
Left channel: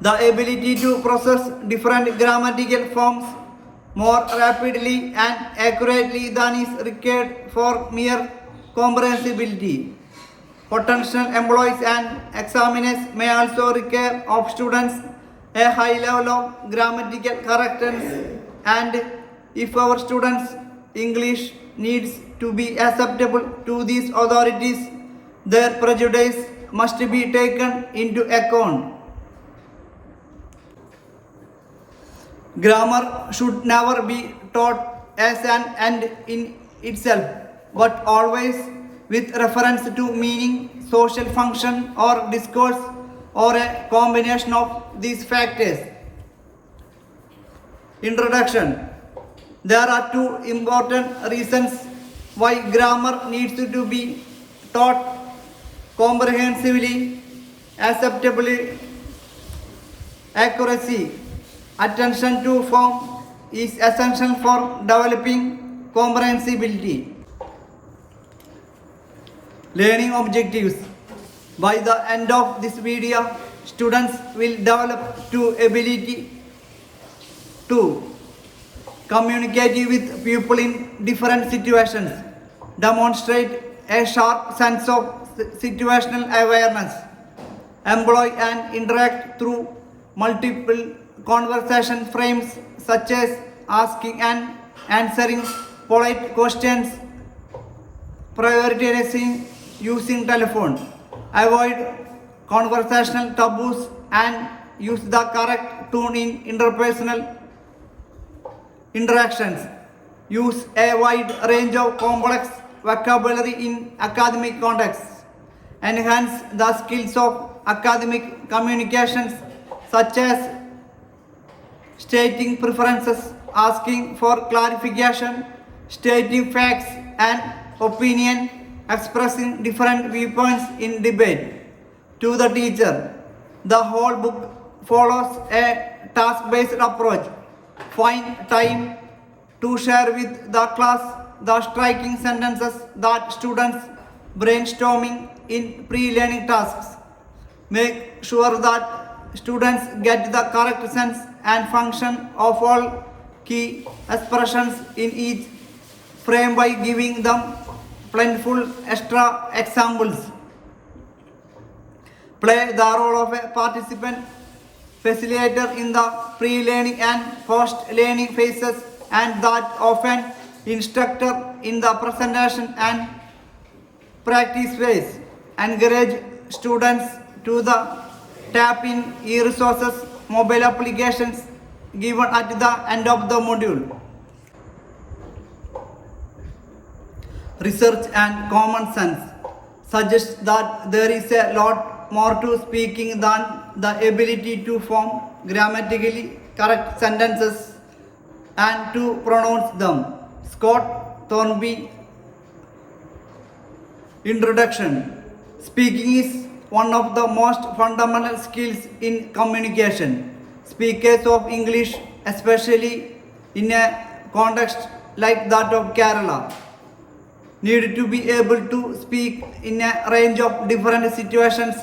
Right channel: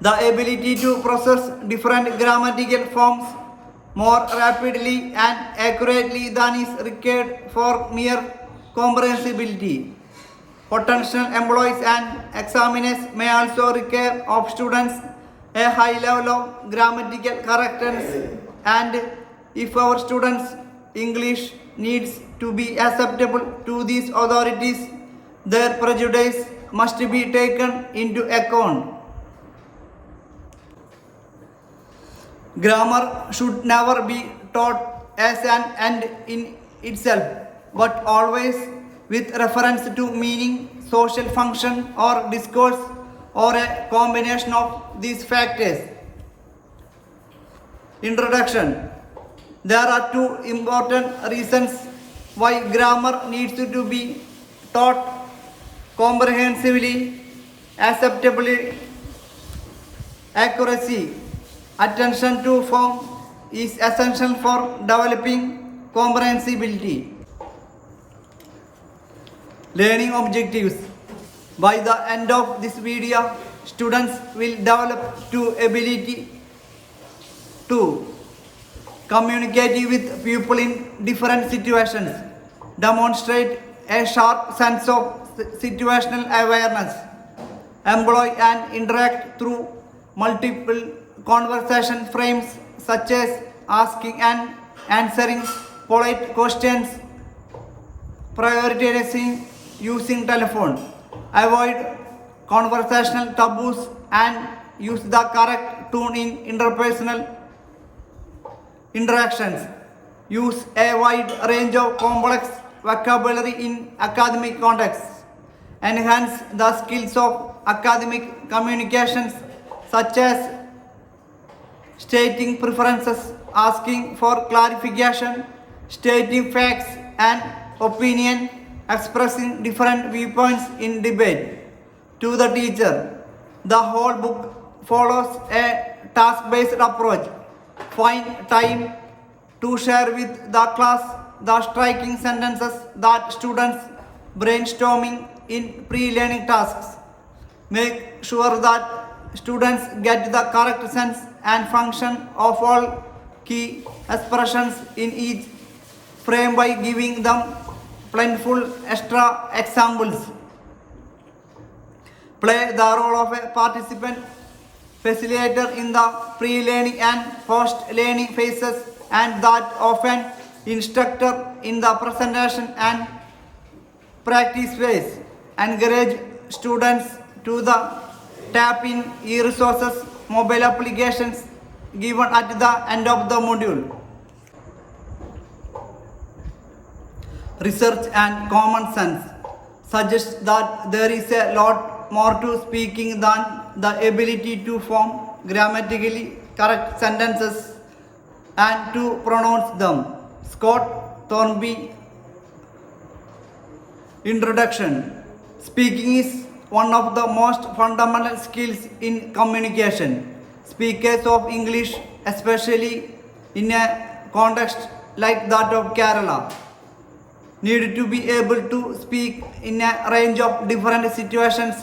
the ability to process different grammatical forms more rapidly and accurately than is required for mere comprehensibility. Potential employees and examiners may also require of students a high level of grammatical correctness, and if our students' English needs to be acceptable to these authorities, their prejudice must be taken into account. Grammar should never be taught as an end in itself, but always with reference to meaning, social function, or discourse, or a combination of these factors. Introduction. There are two important reasons why grammar needs to be taught comprehensively, acceptably. Accuracy. Attention to form is essential for developing comprehensibility. Learning objectives. By the end of this video, students will develop the ability to communicate with people in different situations, demonstrate a sharp sense of situational awareness, employ and interact through multiple conversation frames such as asking and answering polite questions, prioritizing using telephone, avoid conversational taboos and use the correct tone in interpersonal interactions. Use a wide range of complex vocabulary in academic contexts. Enhance the skills of academic communications such as stating preferences, asking for clarification, stating facts and opinion, expressing different viewpoints in debate. To the teacher, the whole book follows a task-based approach. Find time to share with the class the striking sentences that students brainstorming in pre-learning tasks. Make sure that students get the correct sense and function of all key expressions in each frame by giving them plentiful extra examples. Play the role of a participant facilitator in the pre-learning and post-learning phases, and that of an instructor in the presentation and practice phase. Encourage students to tap in e-resources, mobile applications given at the end of the module. Research and common sense suggest that there is a lot more to speaking than the ability to form grammatically correct sentences and to pronounce them. Scott Thornby. Introduction. Speaking is one of the most fundamental skills in communication. Speakers of English, especially in a context like that of Kerala, need to be able to speak in a range of different situations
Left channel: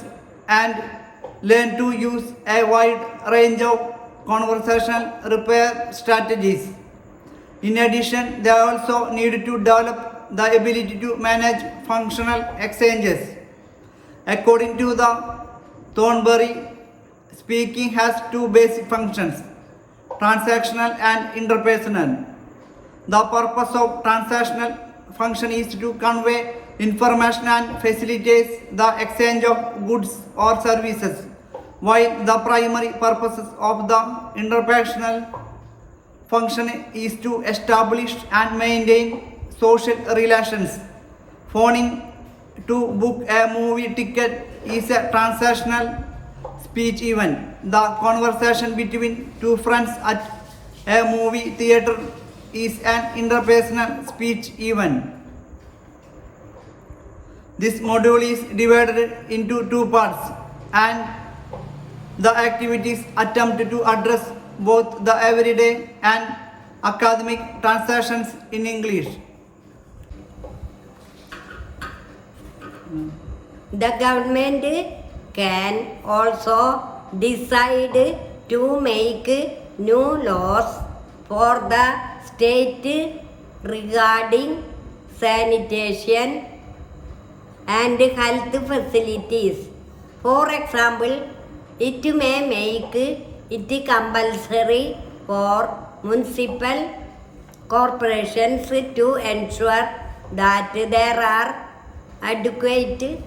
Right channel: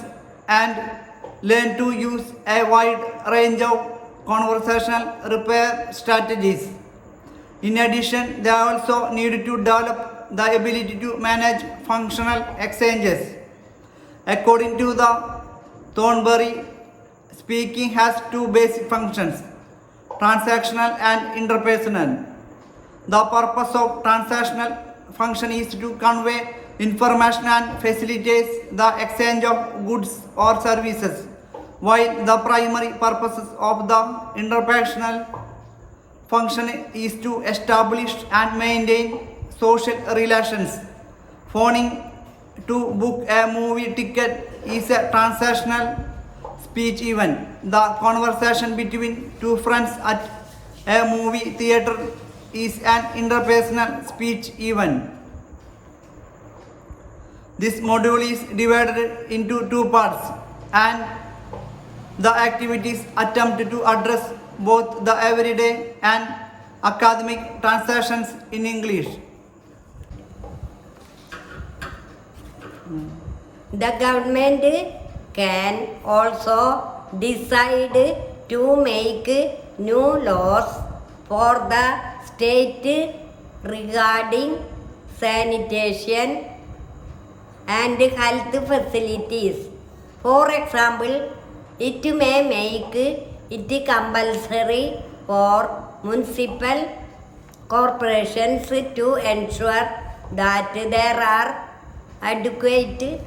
and learn to use a wide range of conversational repair strategies. In addition, they also need to develop the ability to manage functional exchanges. According to the Thornbury, speaking has two basic functions: transactional and interpersonal. The purpose of transactional function is to convey information and facilitates the exchange of goods or services, while the primary purpose of the interpersonal function is to establish and maintain social relations. Phoning to book a movie ticket is a transactional speech event. The conversation between two friends at a movie theater is an interpersonal speech event. This module is divided into two parts, and the activities attempt to address both the everyday and academic transactions in English. The government can also decide to make new laws for the state regarding sanitation and health facilities. For example, it may make it compulsory for municipal corporations to ensure that there are adequate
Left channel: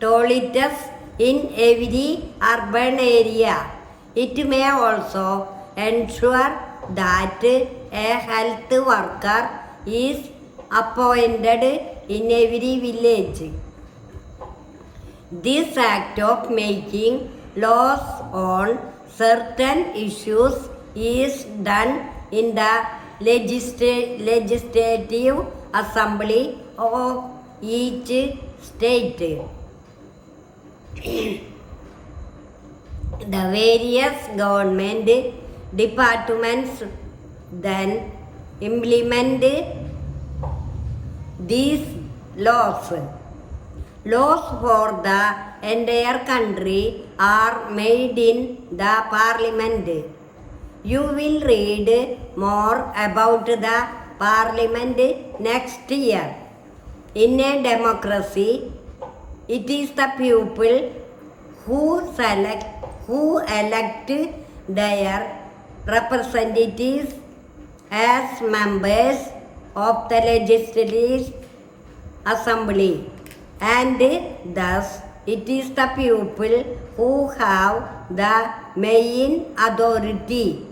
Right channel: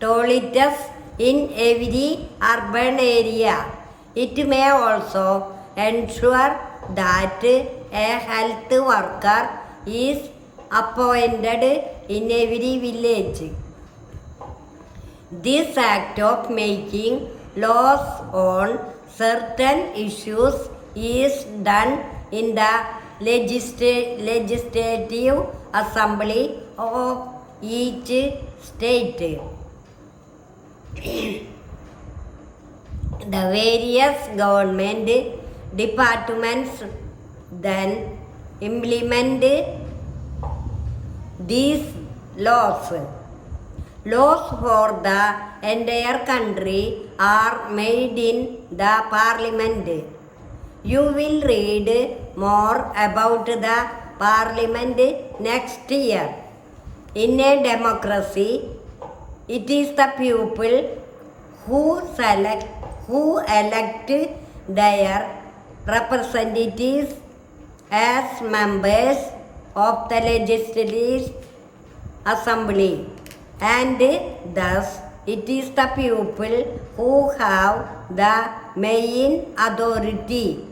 toilets in every urban area. It may also ensure that a health worker is appointed in every village. This act of making laws on certain issues is done in the legislative assembly of each state. The various government departments then implement these laws. Laws for the entire country are made in the parliament. You will read more about the parliament next year. In a democracy, it is the people who elect their representatives as members of the Legislative Assembly, and thus it is the people who have the main authority.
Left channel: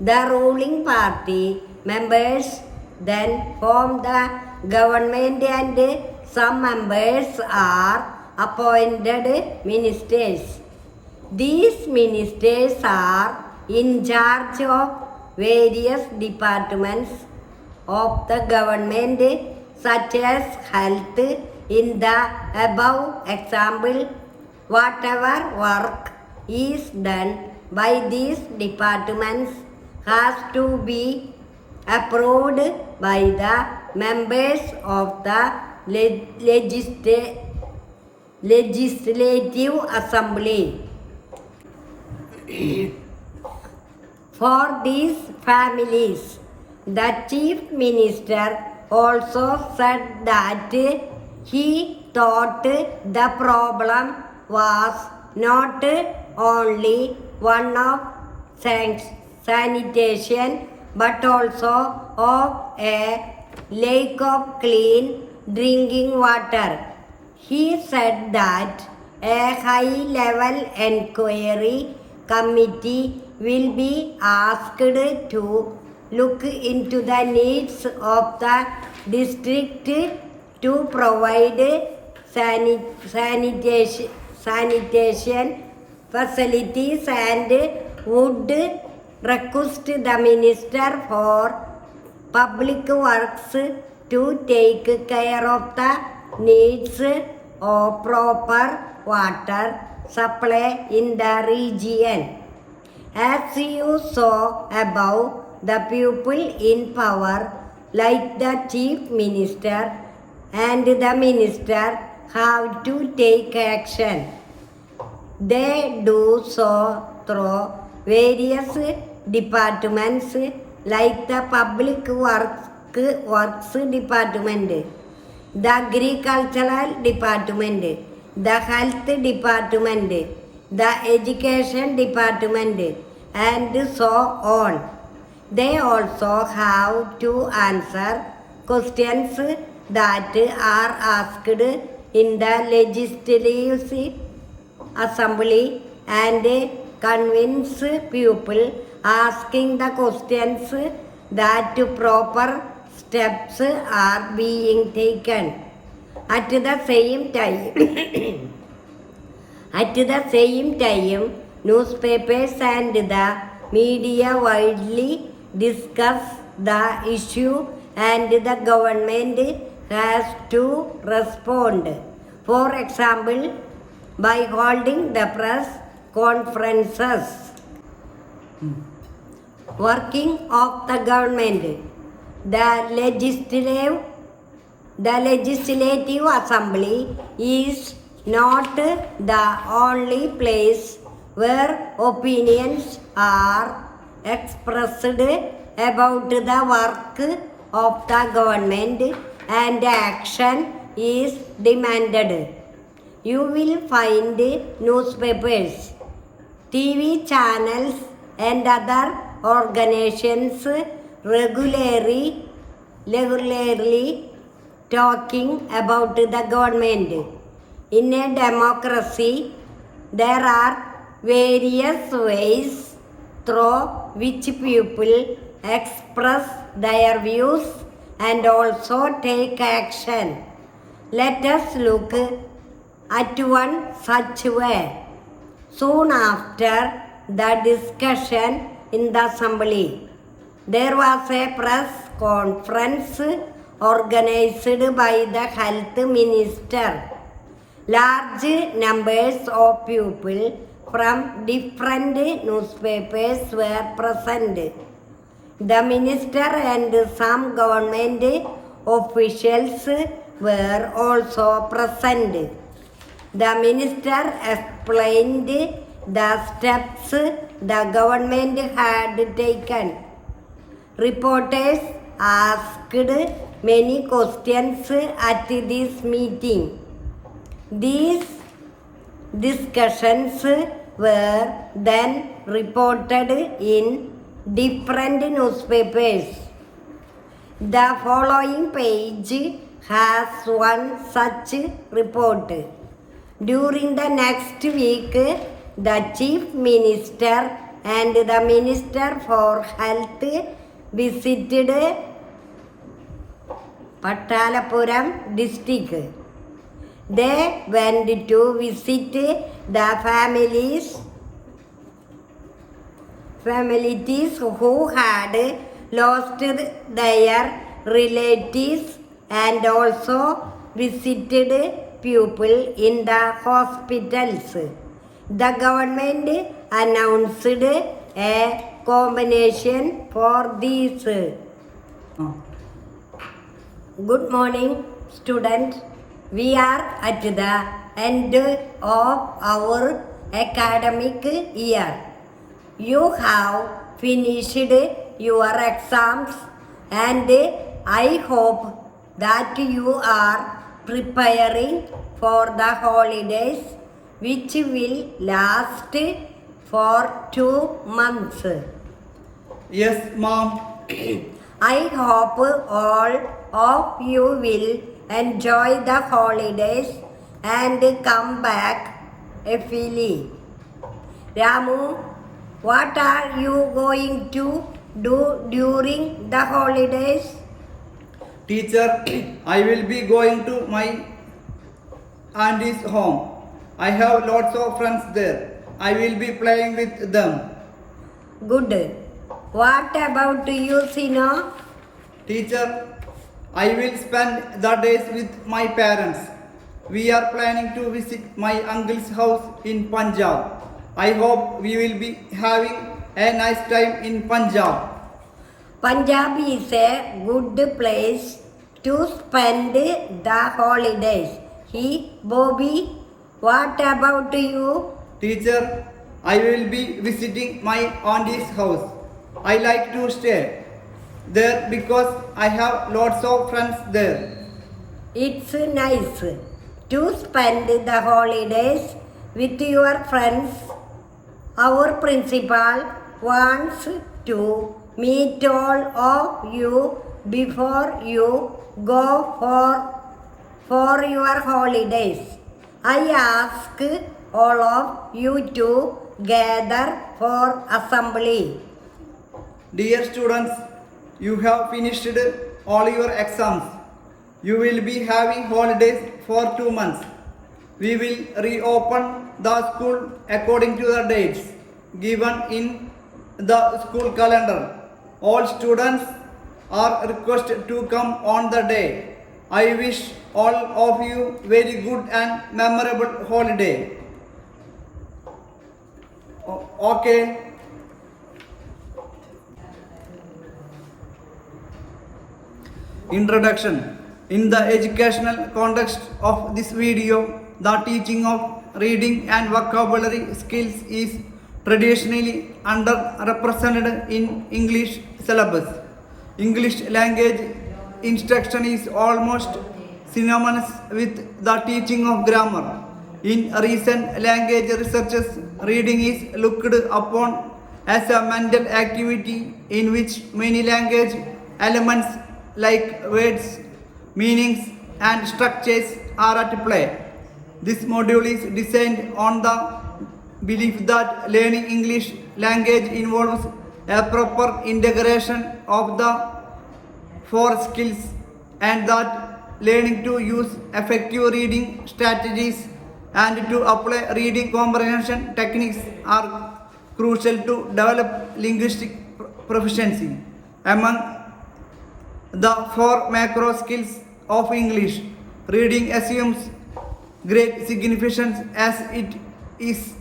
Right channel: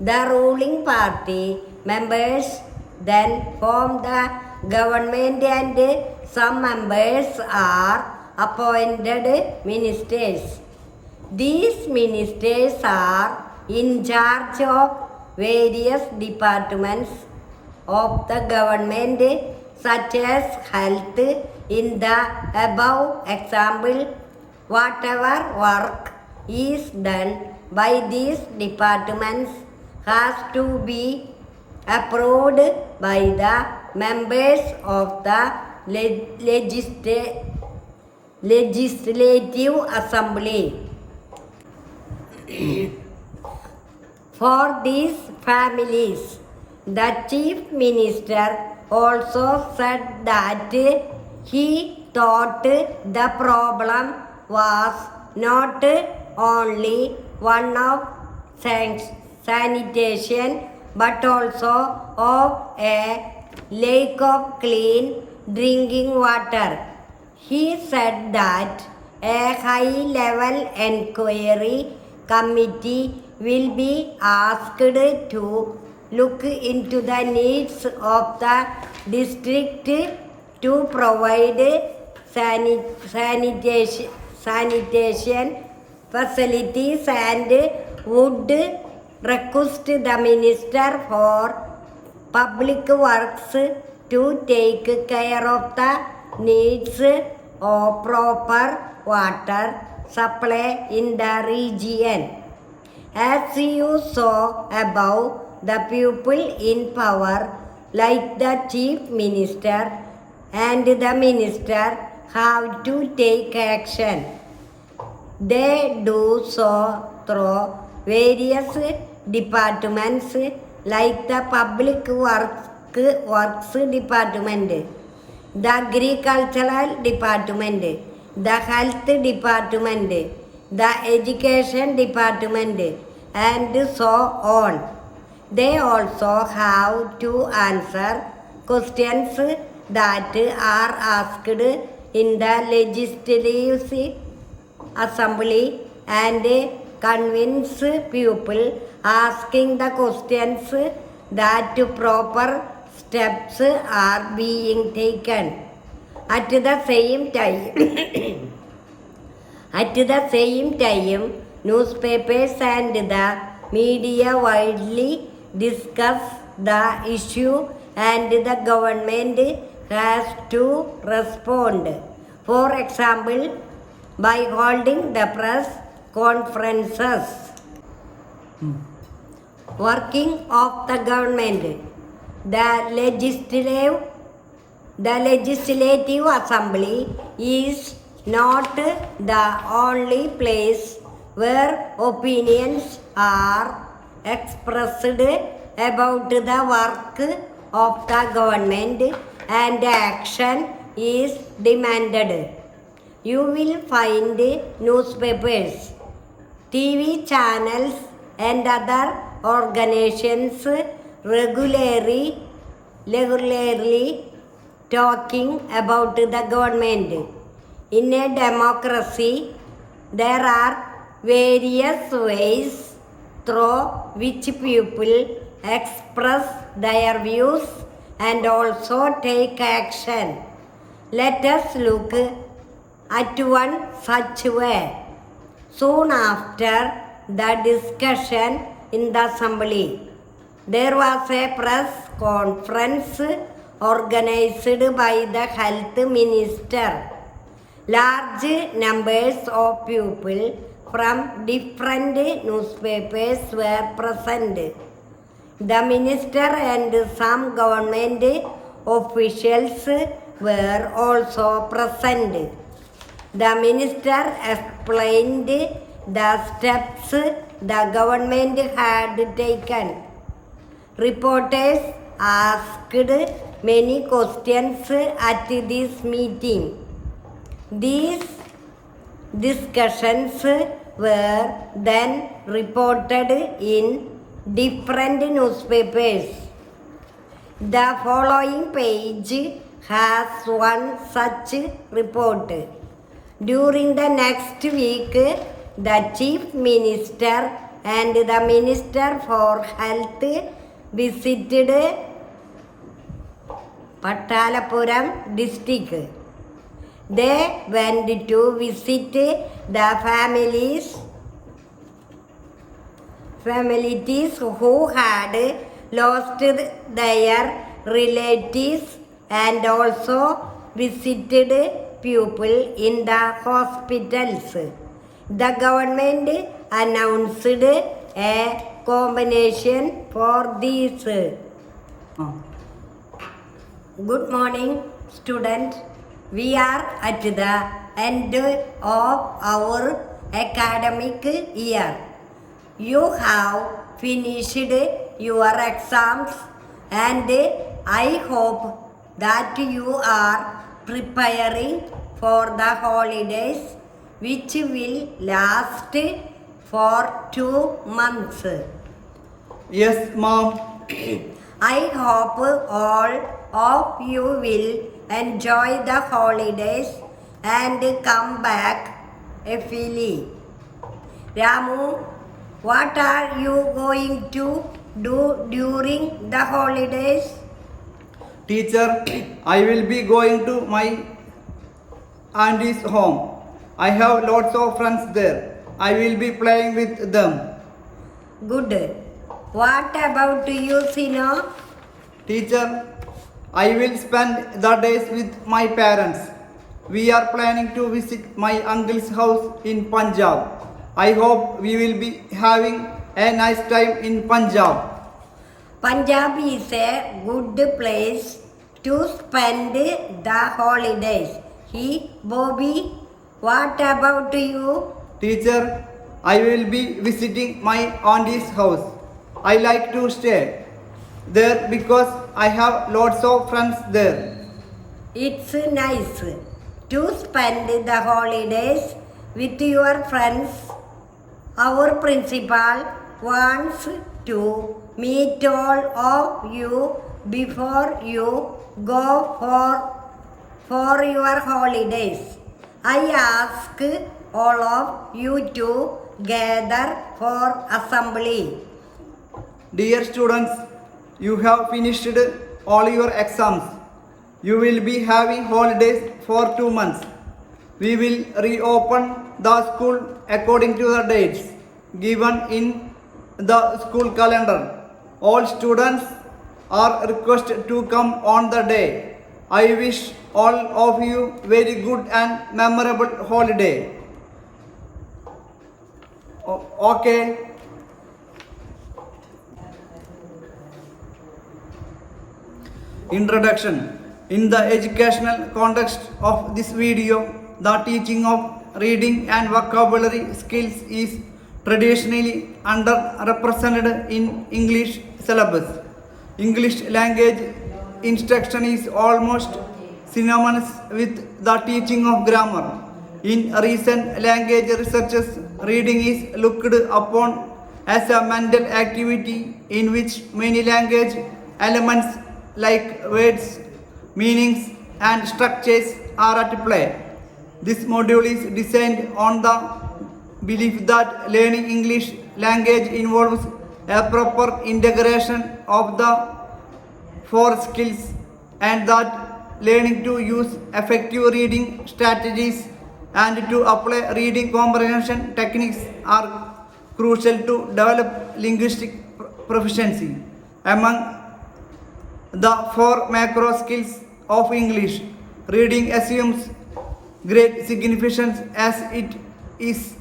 The ruling party members then form the government, and some members are appointed ministers. These ministers are in charge of various departments of the government, such as health. In the above example, whatever work is done by these departments has to be approved by the members of the Legislative Assembly. For these families, the Chief Minister also said that he thought the problem was not only one of sanitation but also of a lack of clean drinking water. He said that a high-level inquiry committee will be asked to look into the needs of the district to provide sanitation facilities, and would request the Minister for Public Works to take care of the needs of proper water supply in the region. As you saw above, the people in power, like the Chief Minister and the Minister, have to take action. They do so through various departments like the Public Works Department, the Agricultural Department, the Health Department, the Education Department, and so on. They also have to answer questions that are asked in the Legislative Assembly and convince people asking the questions that proper steps are being taken. At the same time, newspapers and the media widely discuss the issue, and the government has to respond. For example, by holding the press conferences. Working of the government. The Legislative Assembly is not the only place where opinions are expressed about the work of the government and action is demanded. You will find newspapers, TV channels, and other organizations regularly talking about the government. In a democracy, there are various ways through which people express their views and also take action. Let us look at one such way. Soon after the discussion in the assembly, there was a press conference organized by the health minister. Large numbers of people from different newspapers were present. The minister and some government officials were also present. The minister explained the steps the government had taken. Reporters asked many questions at this meeting. These discussions were then reported in different newspapers. The following page has one such report. During the next week, the Chief Minister and the Minister for Health visited Patalapuram district. They went to visit the families who had lost their relatives and also visited people in the hospitals. The government announced a combination for these. Good morning, students. We are at the end of our academic year. You have finished your exams and I hope that you are preparing for the holidays which will last for 2 months. Yes, Mom. I hope all of you will enjoy the holidays and come back happily. Ramu, what are you going to do during the holidays? Teacher, I will be going to my auntie's home. I have lots of friends there. I will be playing with them. Good. What about you, Sino? Teacher, I will spend the days with my parents. We are planning to visit my uncle's house in Punjab. I hope we will be having a nice time in Punjab. Punjab is a good place to spend the holidays. Bobby, what about you? Teacher, I will be visiting my auntie's house. I like to stay there because I have lots of friends there. It's nice to spend the holidays with your friends. Our principal wants to meet all of you before you go for your holidays. I ask all of you to gather for assembly. Dear students, you have finished all your exams. You will be having holidays for 2 months. We will reopen the school according to the dates given in the school calendar. All students are requested to come on the day. I wish all of you very good and memorable holiday. Okay. Introduction. In the educational context of this video, the teaching of reading and vocabulary skills is traditionally underrepresented in English syllabus. English language instruction is almost synonymous with the teaching of grammar. In recent language researches, reading is looked upon as a mental activity in which many language elements like words, meanings, and structures are at play. This module is designed on the belief that learning English language involves a proper integration of the 4 skills and that learning to use effective reading strategies and to apply reading comprehension techniques are crucial to develop linguistic proficiency. Among the 4 macro skills of English, reading assumes great significance as it is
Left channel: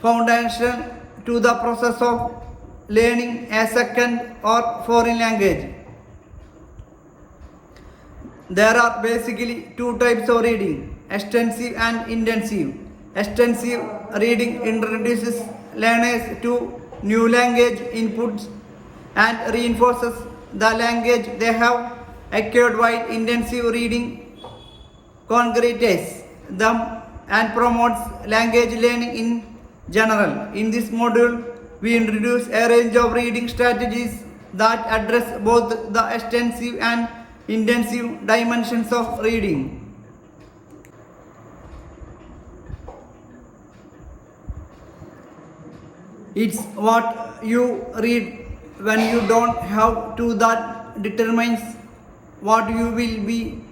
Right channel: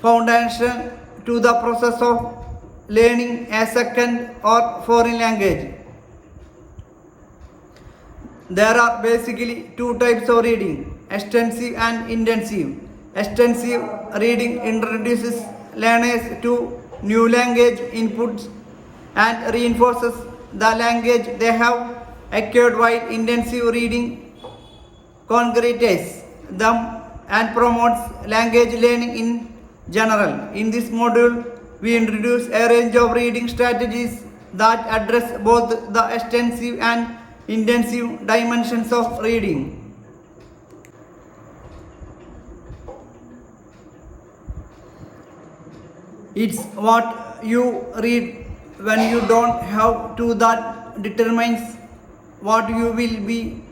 foundational to the process of learning a second or foreign language. There are basically 2 types of reading, extensive and intensive. Extensive reading introduces learners to new language inputs and reinforces the language they have acquired, while intensive reading congregates them and promotes language learning in general. In this module, we introduce a range of reading strategies that address both the extensive and intensive dimensions of reading. It's what you read when you don't have to that determines what you will be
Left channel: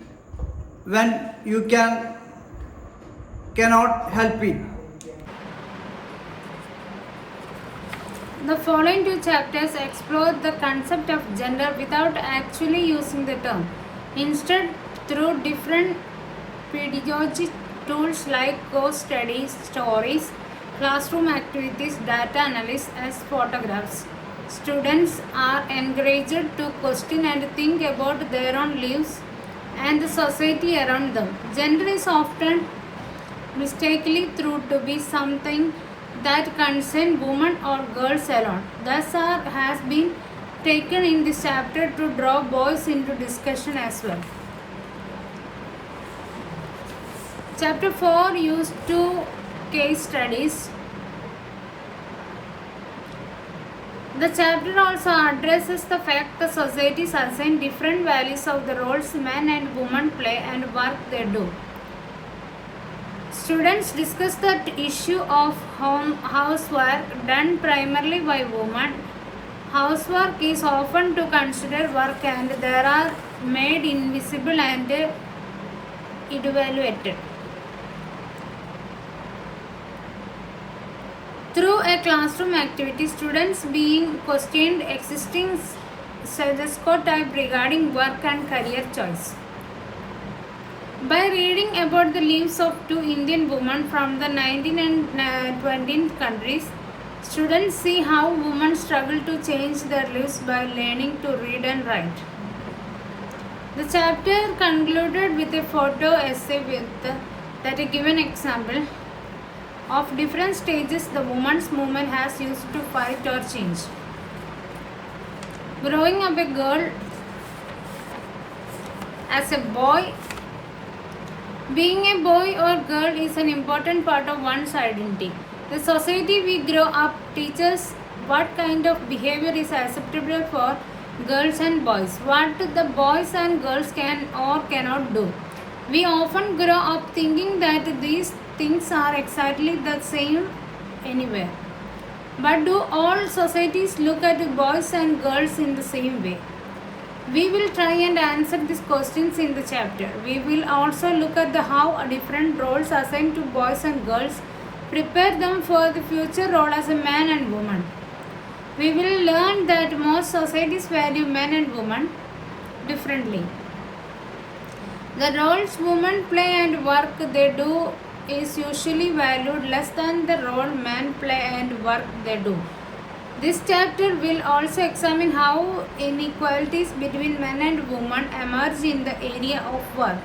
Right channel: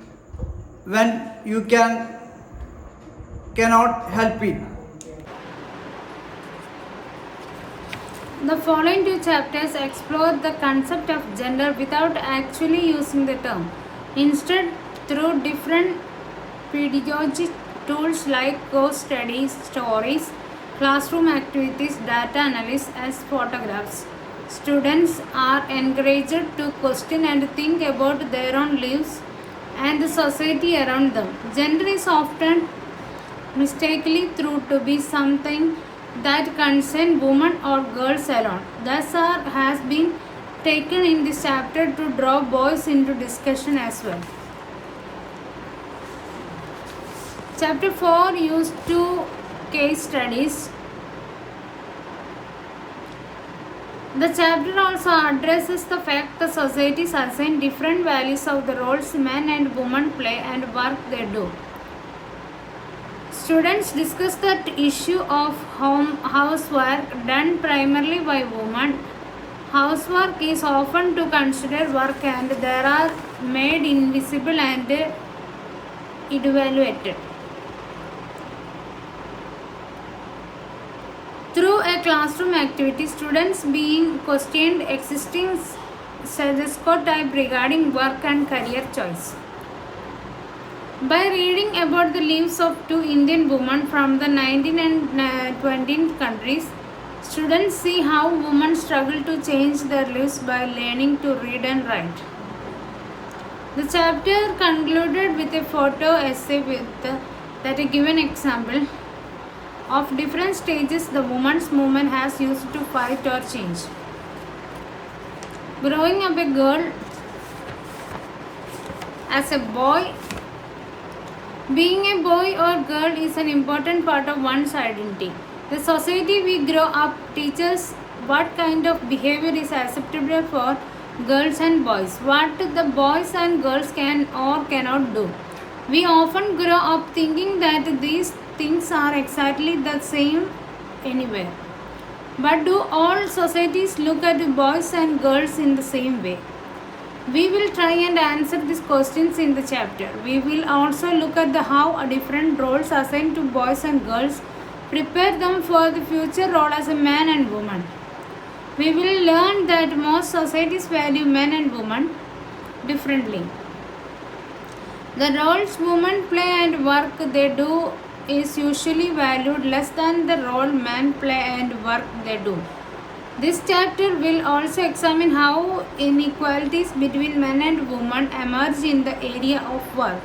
when you cannot help it. The following two chapters explore the concept of gender without actually using the term. Instead, through different pedagogic tools like case studies, stories, classroom activities, data analysis, as photographs, students are encouraged to question and think about their own lives and the society around them. Gender is often mistakenly thought to be something that concerns women or girls alone. Thus, has been taken in this chapter to draw boys into discussion as well. Chapter 4 used two case studies. The chapter also addresses the fact that societies assign different values of the roles men and women play and work they do. Students discuss the issue of housework done primarily by women. Housework is often to consider work and there are made invisible and evaluated. Through a classroom activity, students being questioned existing stereotype regarding work and career choice. By reading about the lives of two Indian women from the 19th and 20th countries, students see how women struggle to change their lives by learning to read and write. The chapter concluded with a photo essay that a given example of different stages the women's movement has used to fight or change. Growing up a girl as a boy, being a boy or girl is an important part of one's identity. The society we grow up teaches what kind of behavior is acceptable for girls and boys, what the boys and girls can or cannot do. We often grow up thinking that these things are exactly the same anywhere. But do all societies look at boys and girls in the same way? We will try and answer these questions in the chapter. We will also look at how different roles assigned to boys and girls prepare them for the future role as a man and woman. We will learn that most societies value men and women differently. The roles women play and work they do is usually valued less than the role men play and work they do. This chapter will also examine how inequalities between men and women emerge in the area of work.